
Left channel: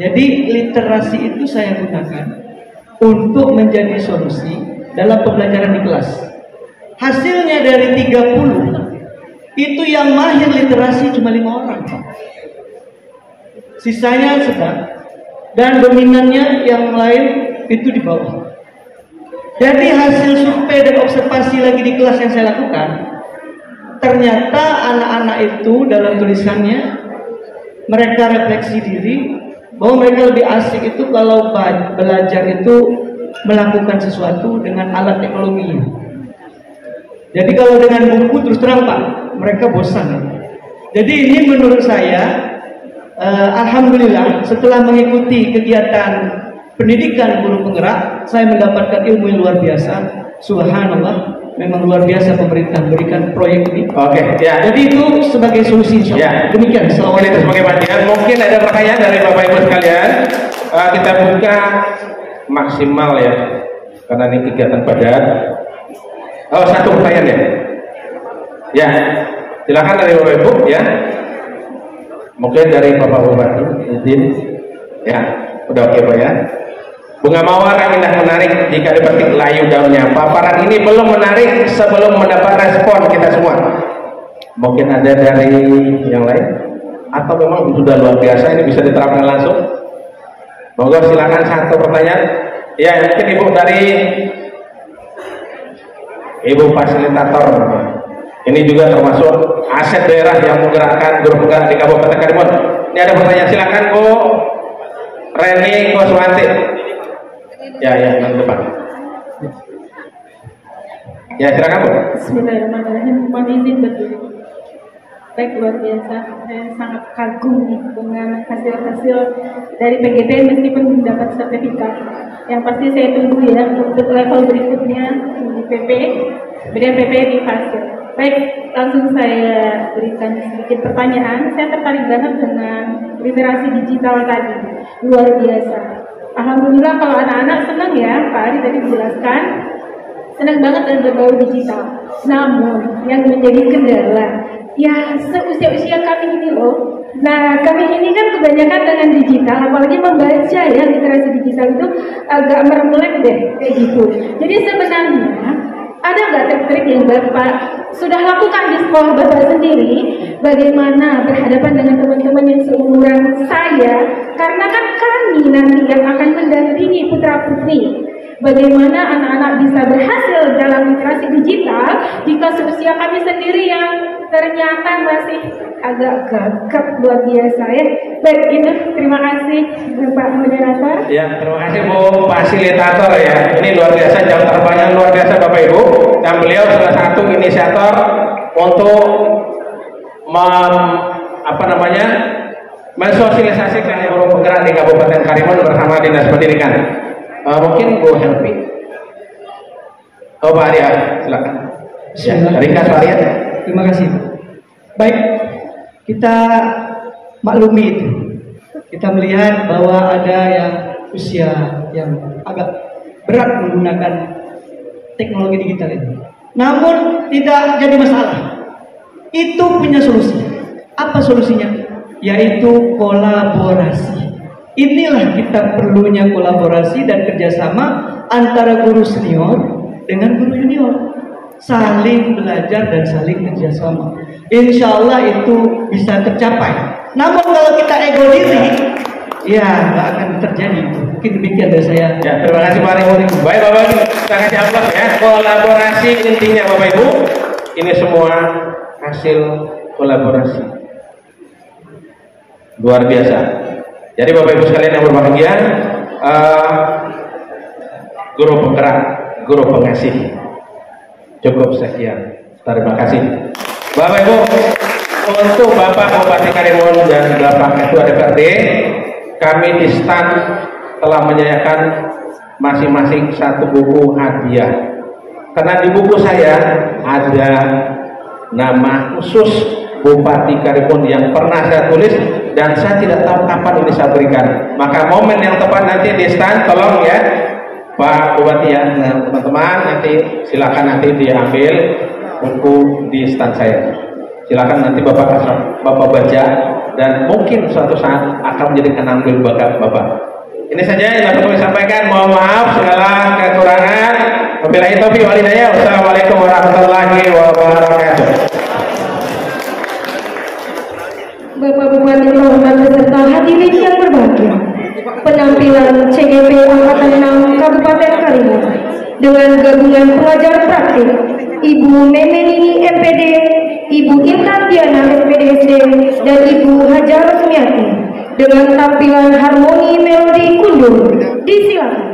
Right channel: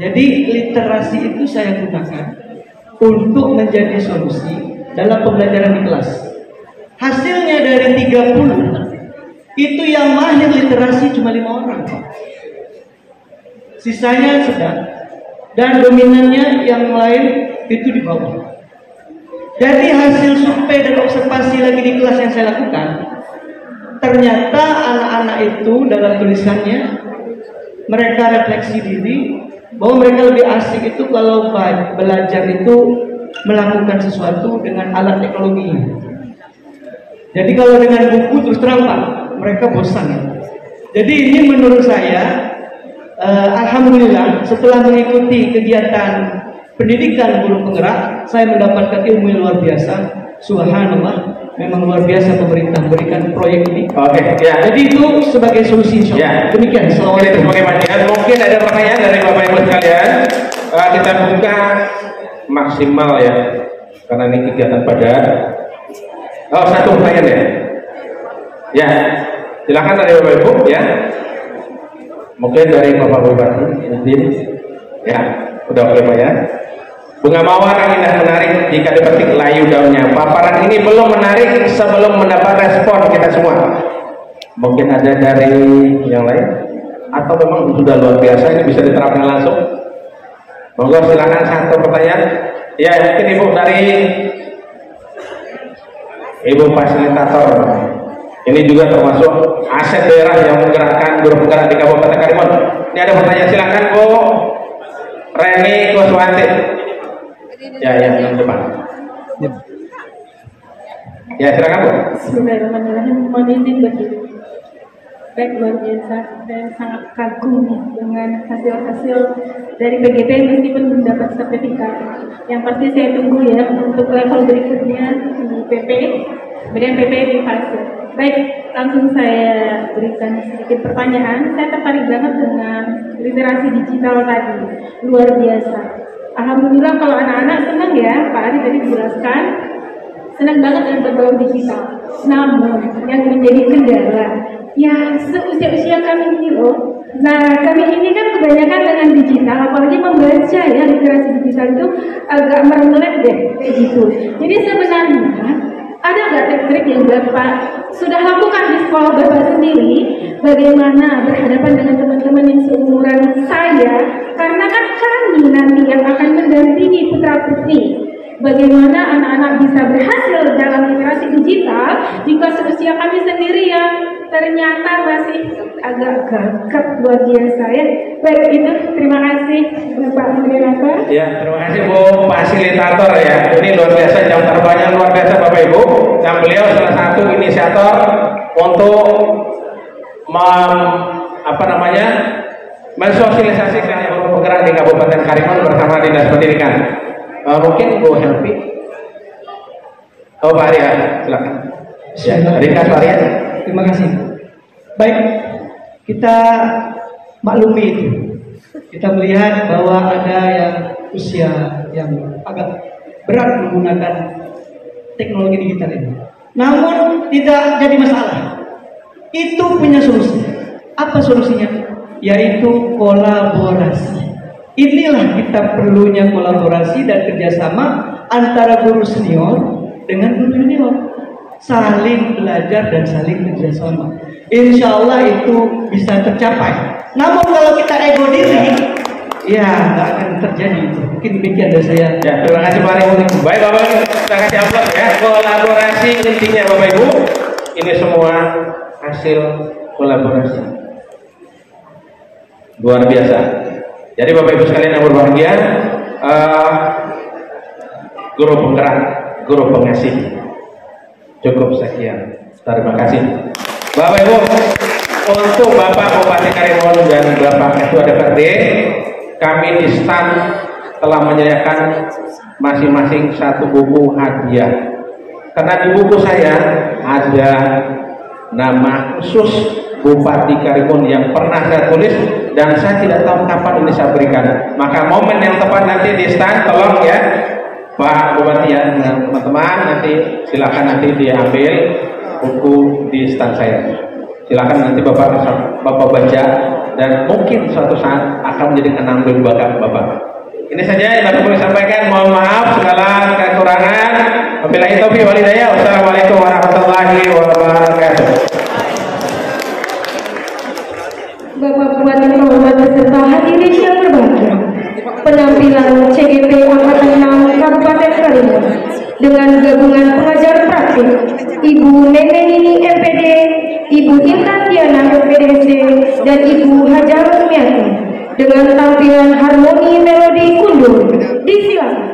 Jadi literasi itu saya gunakan untuk menjadi solusi dalam pembelajaran di kelas. Hasilnya dari 30 itu yang mahir literasi cuma 5 orang, sisanya sedang, dan dominannya yang lain itu di bawah. Jadi hasil survei dan observasi lagi di kelas yang saya lakukan, ternyata anak-anak itu dalam tulisannya mereka refleksi diri bahwa mereka lebih asik itu kalau belajar itu melakukan sesuatu dengan alat teknologi. Jadi kalau dengan buku terus terang Pak, mereka bosan. Jadi ini menurut saya, alhamdulillah setelah mengikuti kegiatan pendidikan guru penggerak, saya mendapatkan ilmu yang luar biasa. Subhanallah, memang luar biasa pemerintah berikan proyek ini. Oke, ya. Jadi itu sebagai solusi. Ya. Demikian. Mungkin itu sebagai pancingan. Mungkin ada pertanyaan dari Bapak Ibu sekalian. Kita buka maksimal ya, karena ini kegiatan padat. Oh, satu pertanyaan ya. Ya, silakan dari Bapak Ibu ya. Mungkin dari Bapak Bupati izin. Ya, udah oke Pak ya. Bunga mawar yang indah menarik jika dipetik layu daunnya. Paparan ini belum menarik sebelum mendapat respon kita semua. Mungkin ada dari yang lain, atau memang sudah luar biasa ini bisa diterapkan langsung. Monggo silakan satu pertanyaan. Ya, mungkin Ibu dari Ibu fasilitator. Ini juga termasuk aset daerah yang menggerakkan guru penggerak di Kabupaten Karimun. Ini ada pertanyaan, silakan Bu Reni Kuswanti. Ya, yang depan. Ya, silakan Bu. Bismillahirrahmanirrahim. Mohon izin berdiri. Baik, luar biasa. Saya sangat kagum dengan hasil-hasil dari PGP meskipun belum dapat sertifikat. Yang pasti saya tunggu ya untuk level berikutnya di PP, kemudian PP di fase. Baik, langsung saya berikan sedikit pertanyaan. Saya tertarik banget dengan literasi digital tadi, luar biasa. Alhamdulillah kalau anak-anak senang ya, Pak Ari tadi dijelaskan, senang banget dengan berbaur digital. Namun yang menjadi kendala Ya, seusia-usia kami ini loh. Nah, kami ini kan kebanyakan dengan digital, apalagi membaca ya, literasi digital itu agak meremelek deh, kayak gitu. Jadi sebenarnya ada nggak trik-trik yang Bapak sudah lakukan di sekolah Bapak sendiri, bagaimana berhadapan dengan teman-teman yang seumuran saya, karena kan kami nanti yang akan mendampingi putra-putri. Bagaimana anak-anak bisa berhasil dalam literasi digital jika seusia kami sendiri yang ternyata masih agak gagap luar biasa ya. Baik, itu terima kasih Bapak Moderator. Ya, terima kasih Bu Fasilitator ya. Ini luar biasa, jam terbangnya luar biasa Bapak Ibu. Dan beliau salah satu inisiator untuk mensosialisasikan yang bergerak di Kabupaten Karimun bersama Dinas Pendidikan. Mungkin Bu Hanfi, Pak Arya, silakan. Ya, ringkas Pak Arya. Terima kasih. Baik, kita maklumi itu. Kita melihat bahwa ada yang usia yang agak berat menggunakan teknologi digital ini. Namun tidak jadi masalah. Itu punya solusi. Apa solusinya? Yaitu kolaborasi. Inilah kita perlunya kolaborasi dan kerjasama antara guru senior dengan guru junior, saling belajar dan saling kerjasama. Insya Allah itu bisa tercapai. Namun kalau kita ego diri, ya nggak akan terjadi. Mungkin demikian dari saya. Ya, terima kasih Pak Ibu. Baik Bapak Ibu, kita kasih aplaus ya. Kolaborasi intinya Bapak Ibu. Ini semua hasil kolaborasi. Luar biasa. Jadi Bapak Ibu sekalian yang berbahagia, guru penggerak, guru pengasih. Cukup sekian. Terima kasih. Bapak Ibu, untuk Bapak Bupati Karimun dan Bapak Ketua DPRD, kami di stand telah menyediakan masing-masing satu buku hadiah. Karena di buku saya ada nama khusus Bupati Karimun yang pernah saya tulis dan saya tidak tahu kapan ini saya berikan. Maka momen yang tepat nanti di stand, tolong ya Pak Bupati ya, teman-teman nanti silakan nanti diambil buku di stand saya. Silakan nanti Bapak baca dan mungkin suatu saat akan menjadi kenangan bagi Bapak. Ini saja yang dapat kami sampaikan. Mohon maaf segala kekurangan. Wabillahi taufiq wal hidayah. Wassalamualaikum warahmatullahi wabarakatuh. Bapak Bupati Muhammad beserta hadirin yang berbahagia, penampilan CGP Angkatan 6 Kabupaten Karimun dengan gabungan pelajar praktik Ibu Nenenini MPD, Ibu Intan Diana MPDC, dan Ibu Hajar Rosmiati dengan tampilan harmoni melodi kundur. Disilakan.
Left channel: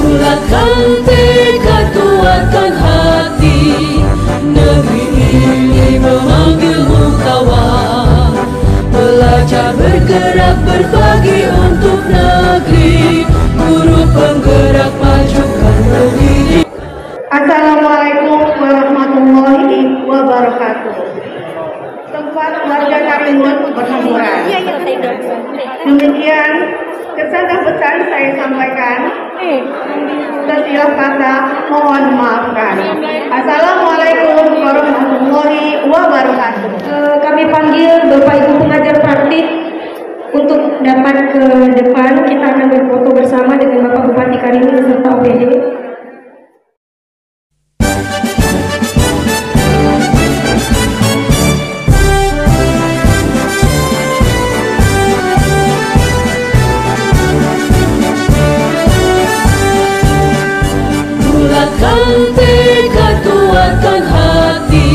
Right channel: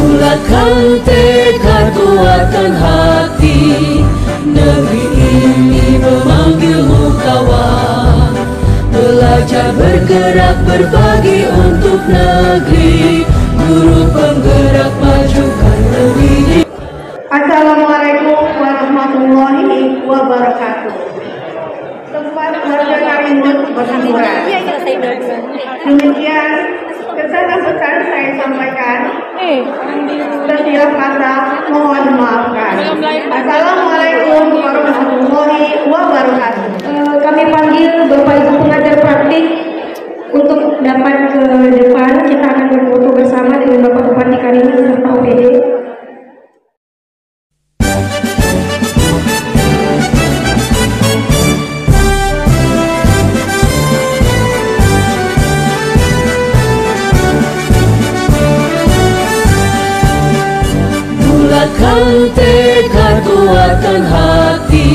Bulatkan tekad, kuatkan hati, negeri ini memanggilmu kawan. Belajar bergerak berbagi untuk negeri, guru penggerak majukan pendidikan. Assalamualaikum warahmatullahi wabarakatuh. Selamat warga Karimun berhamburan. Demikian kesan-kesan saya sampaikan. Setiap kata mohon maafkan. Assalamualaikum warahmatullahi wabarakatuh. Kami panggil Bapak Ibu pengajar praktik untuk dapat ke depan. Kita akan berfoto bersama dengan Bapak Bupati Karimun beserta OPD. Bulatkan tekad, kuatkan hati,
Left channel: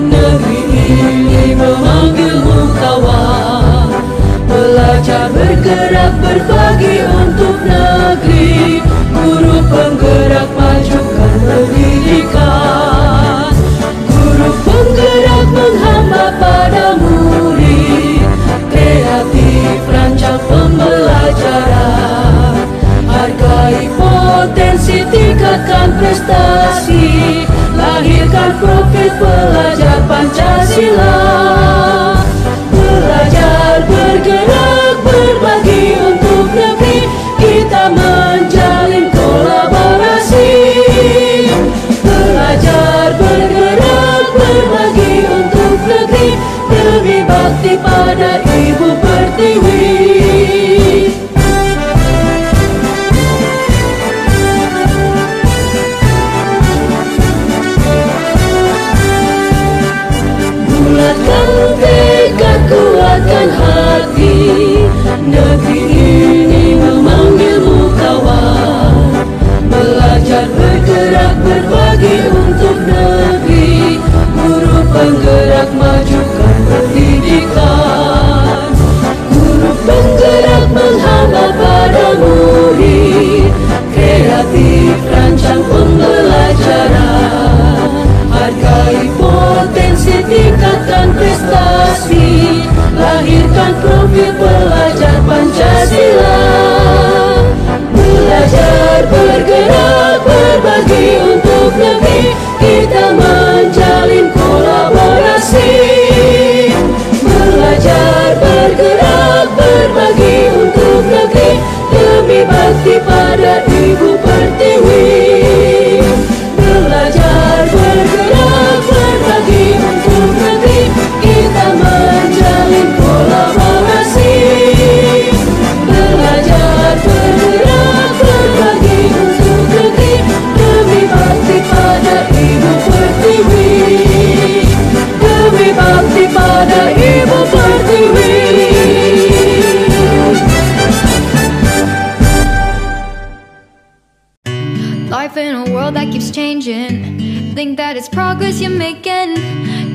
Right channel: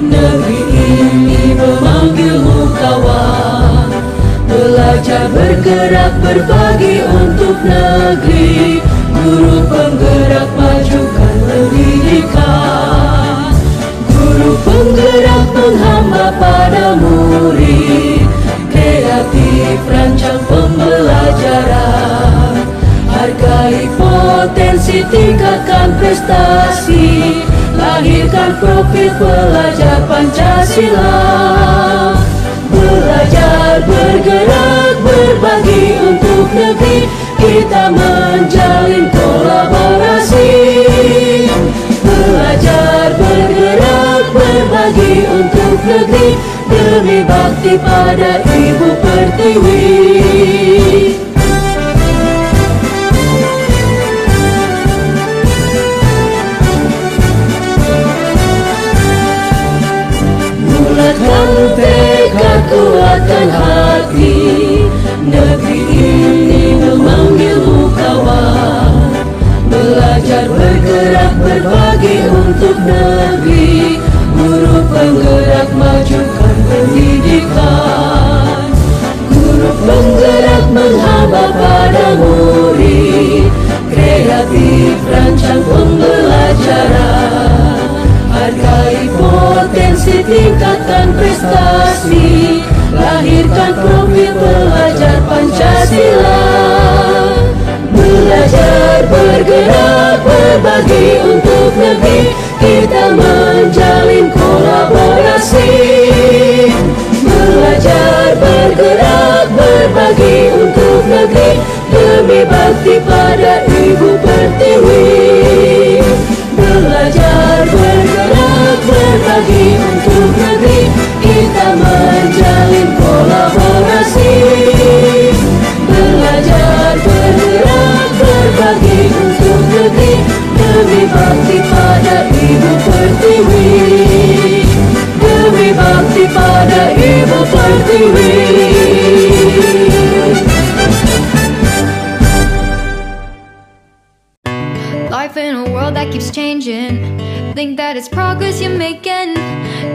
negeri ini memanggilmu kawan. Belajar bergerak berbagi untuk negeri, guru penggerak majukan pendidikan. Guru penggerak menghamba pada murid, kreatif rancang pembelajaran. Hargai potensi, tingkatkan prestasi, lahirkan profil pelajar Pancasila. pada Ibu Pertiwi. Bulatkan tekad, kuatkan hati, negeri ini memanggilmu kawan. Belajar, bergerak, berbagi untuk negeri, guru penggerak majukan pendidikan. Guru penggerak menghamba pada murid, kreatif rancang pembelajaran. Hargai potensi, tingkatkan prestasi, lahirkan profil pelajar Pancasila. Belajar, bergerak, berbagi untuk negeri, kita menjalin kolaborasi. Belajar, bergerak, berbagi untuk negeri, demi bakti pada Ibu Pertiwi. Belajar, bergerak, berbagi untuk negeri, kita menjalin kolaborasi. Belajar, bergerak, berbagi untuk negeri, demi bakti pada Ibu Pertiwi. Demi bakti pada Ibu Pertiwi. Life in a world that keeps changing, think that it's progress you're making.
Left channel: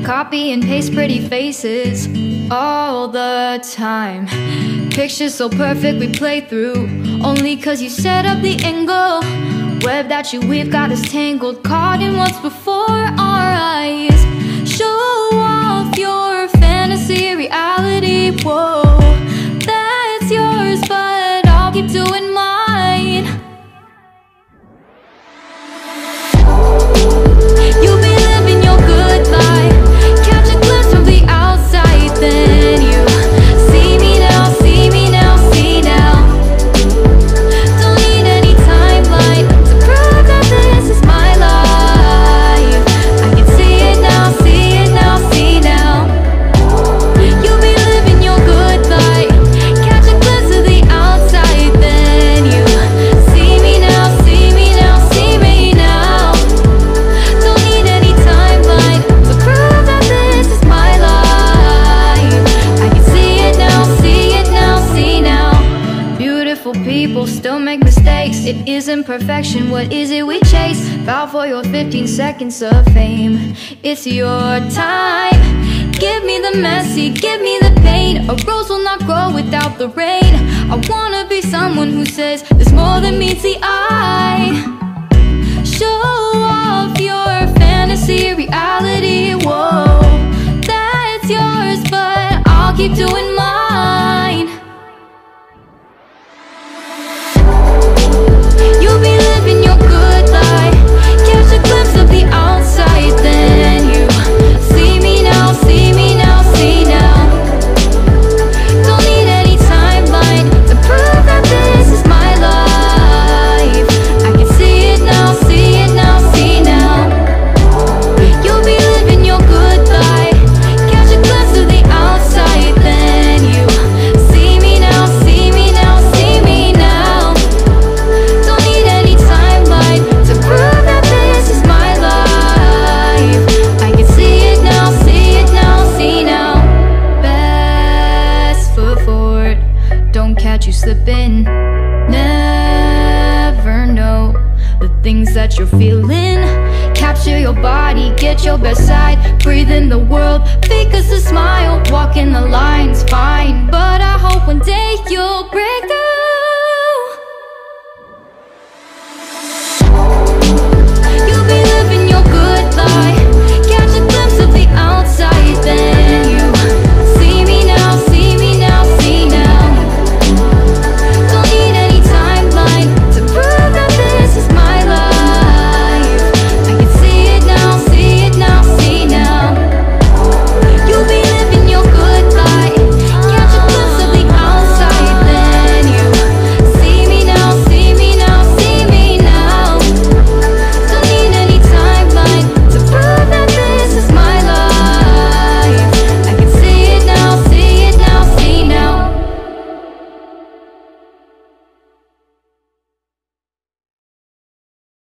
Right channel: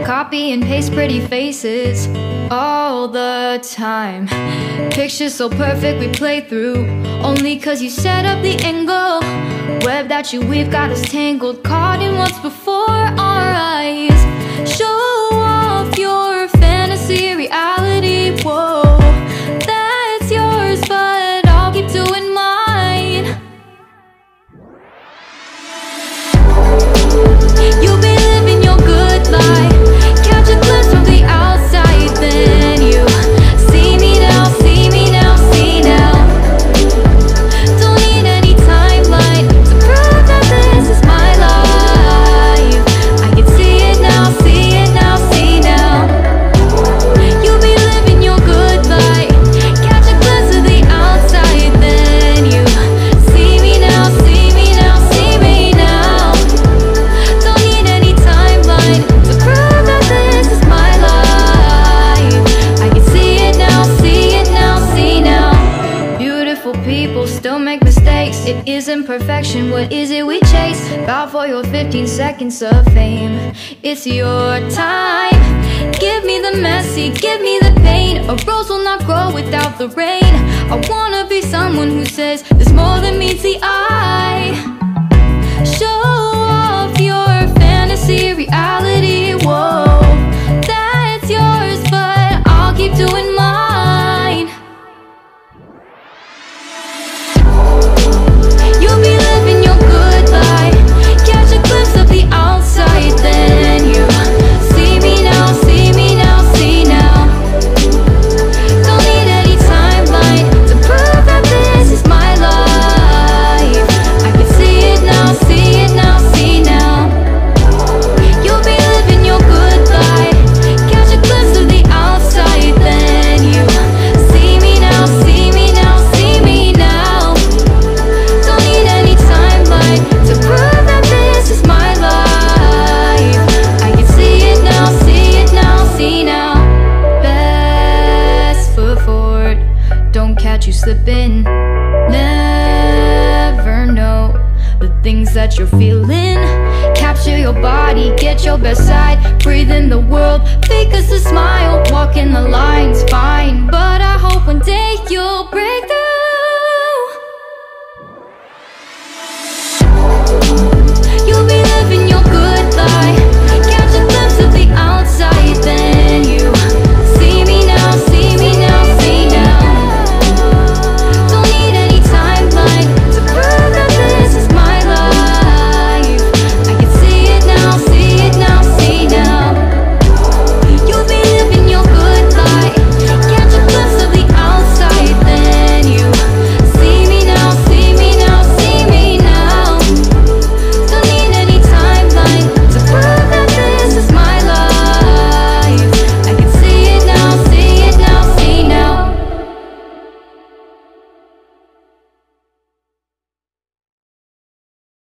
Copy and paste pretty faces all the time. Pictures so perfect we play through, only cause you set up the angle. Web that you weave got us tangled, caught in what's before our eyes. Show off your fantasy, reality, whoa, that's yours, but I'll keep doing mine. You'll be living your good life, catch a glimpse from the outside, then you see me now, see me now, see now. Don't need any timeline to prove that this is my life. I can see it now, see it now, see now. You'll be living your good life, catch a glimpse of the outside, then you see me now, see me now, see me now. Don't need any timeline to prove that this is my life. I can see it now, see it now, see now. Beautiful people still make mistakes. It isn't perfection, what is it we chase? Bow for your 15 seconds of fame. It's your time. Give me the messy, give me the pain. A rose will not grow without the rain. I wanna be someone who says there's more than meets the eye. Show off your fantasy, reality, whoa, that's yours, but I'll keep doing mine. You'll be living your good life, catch a glimpse of the outside, then you see me now, see me now, see now. Don't need any timeline to prove that this is my life. I can see it now, see it now, see now. You'll be living your good life, catch a glimpse of the outside, then you see me now, see me now, see me now. Don't need any timeline to prove that this is my life. I can see it now, see it now, see now. Best foot forward, don't catch you slipping. Never know the things that you're feeling. Capture your body, get your best side. Breathe in the world, fake us a smile. Walk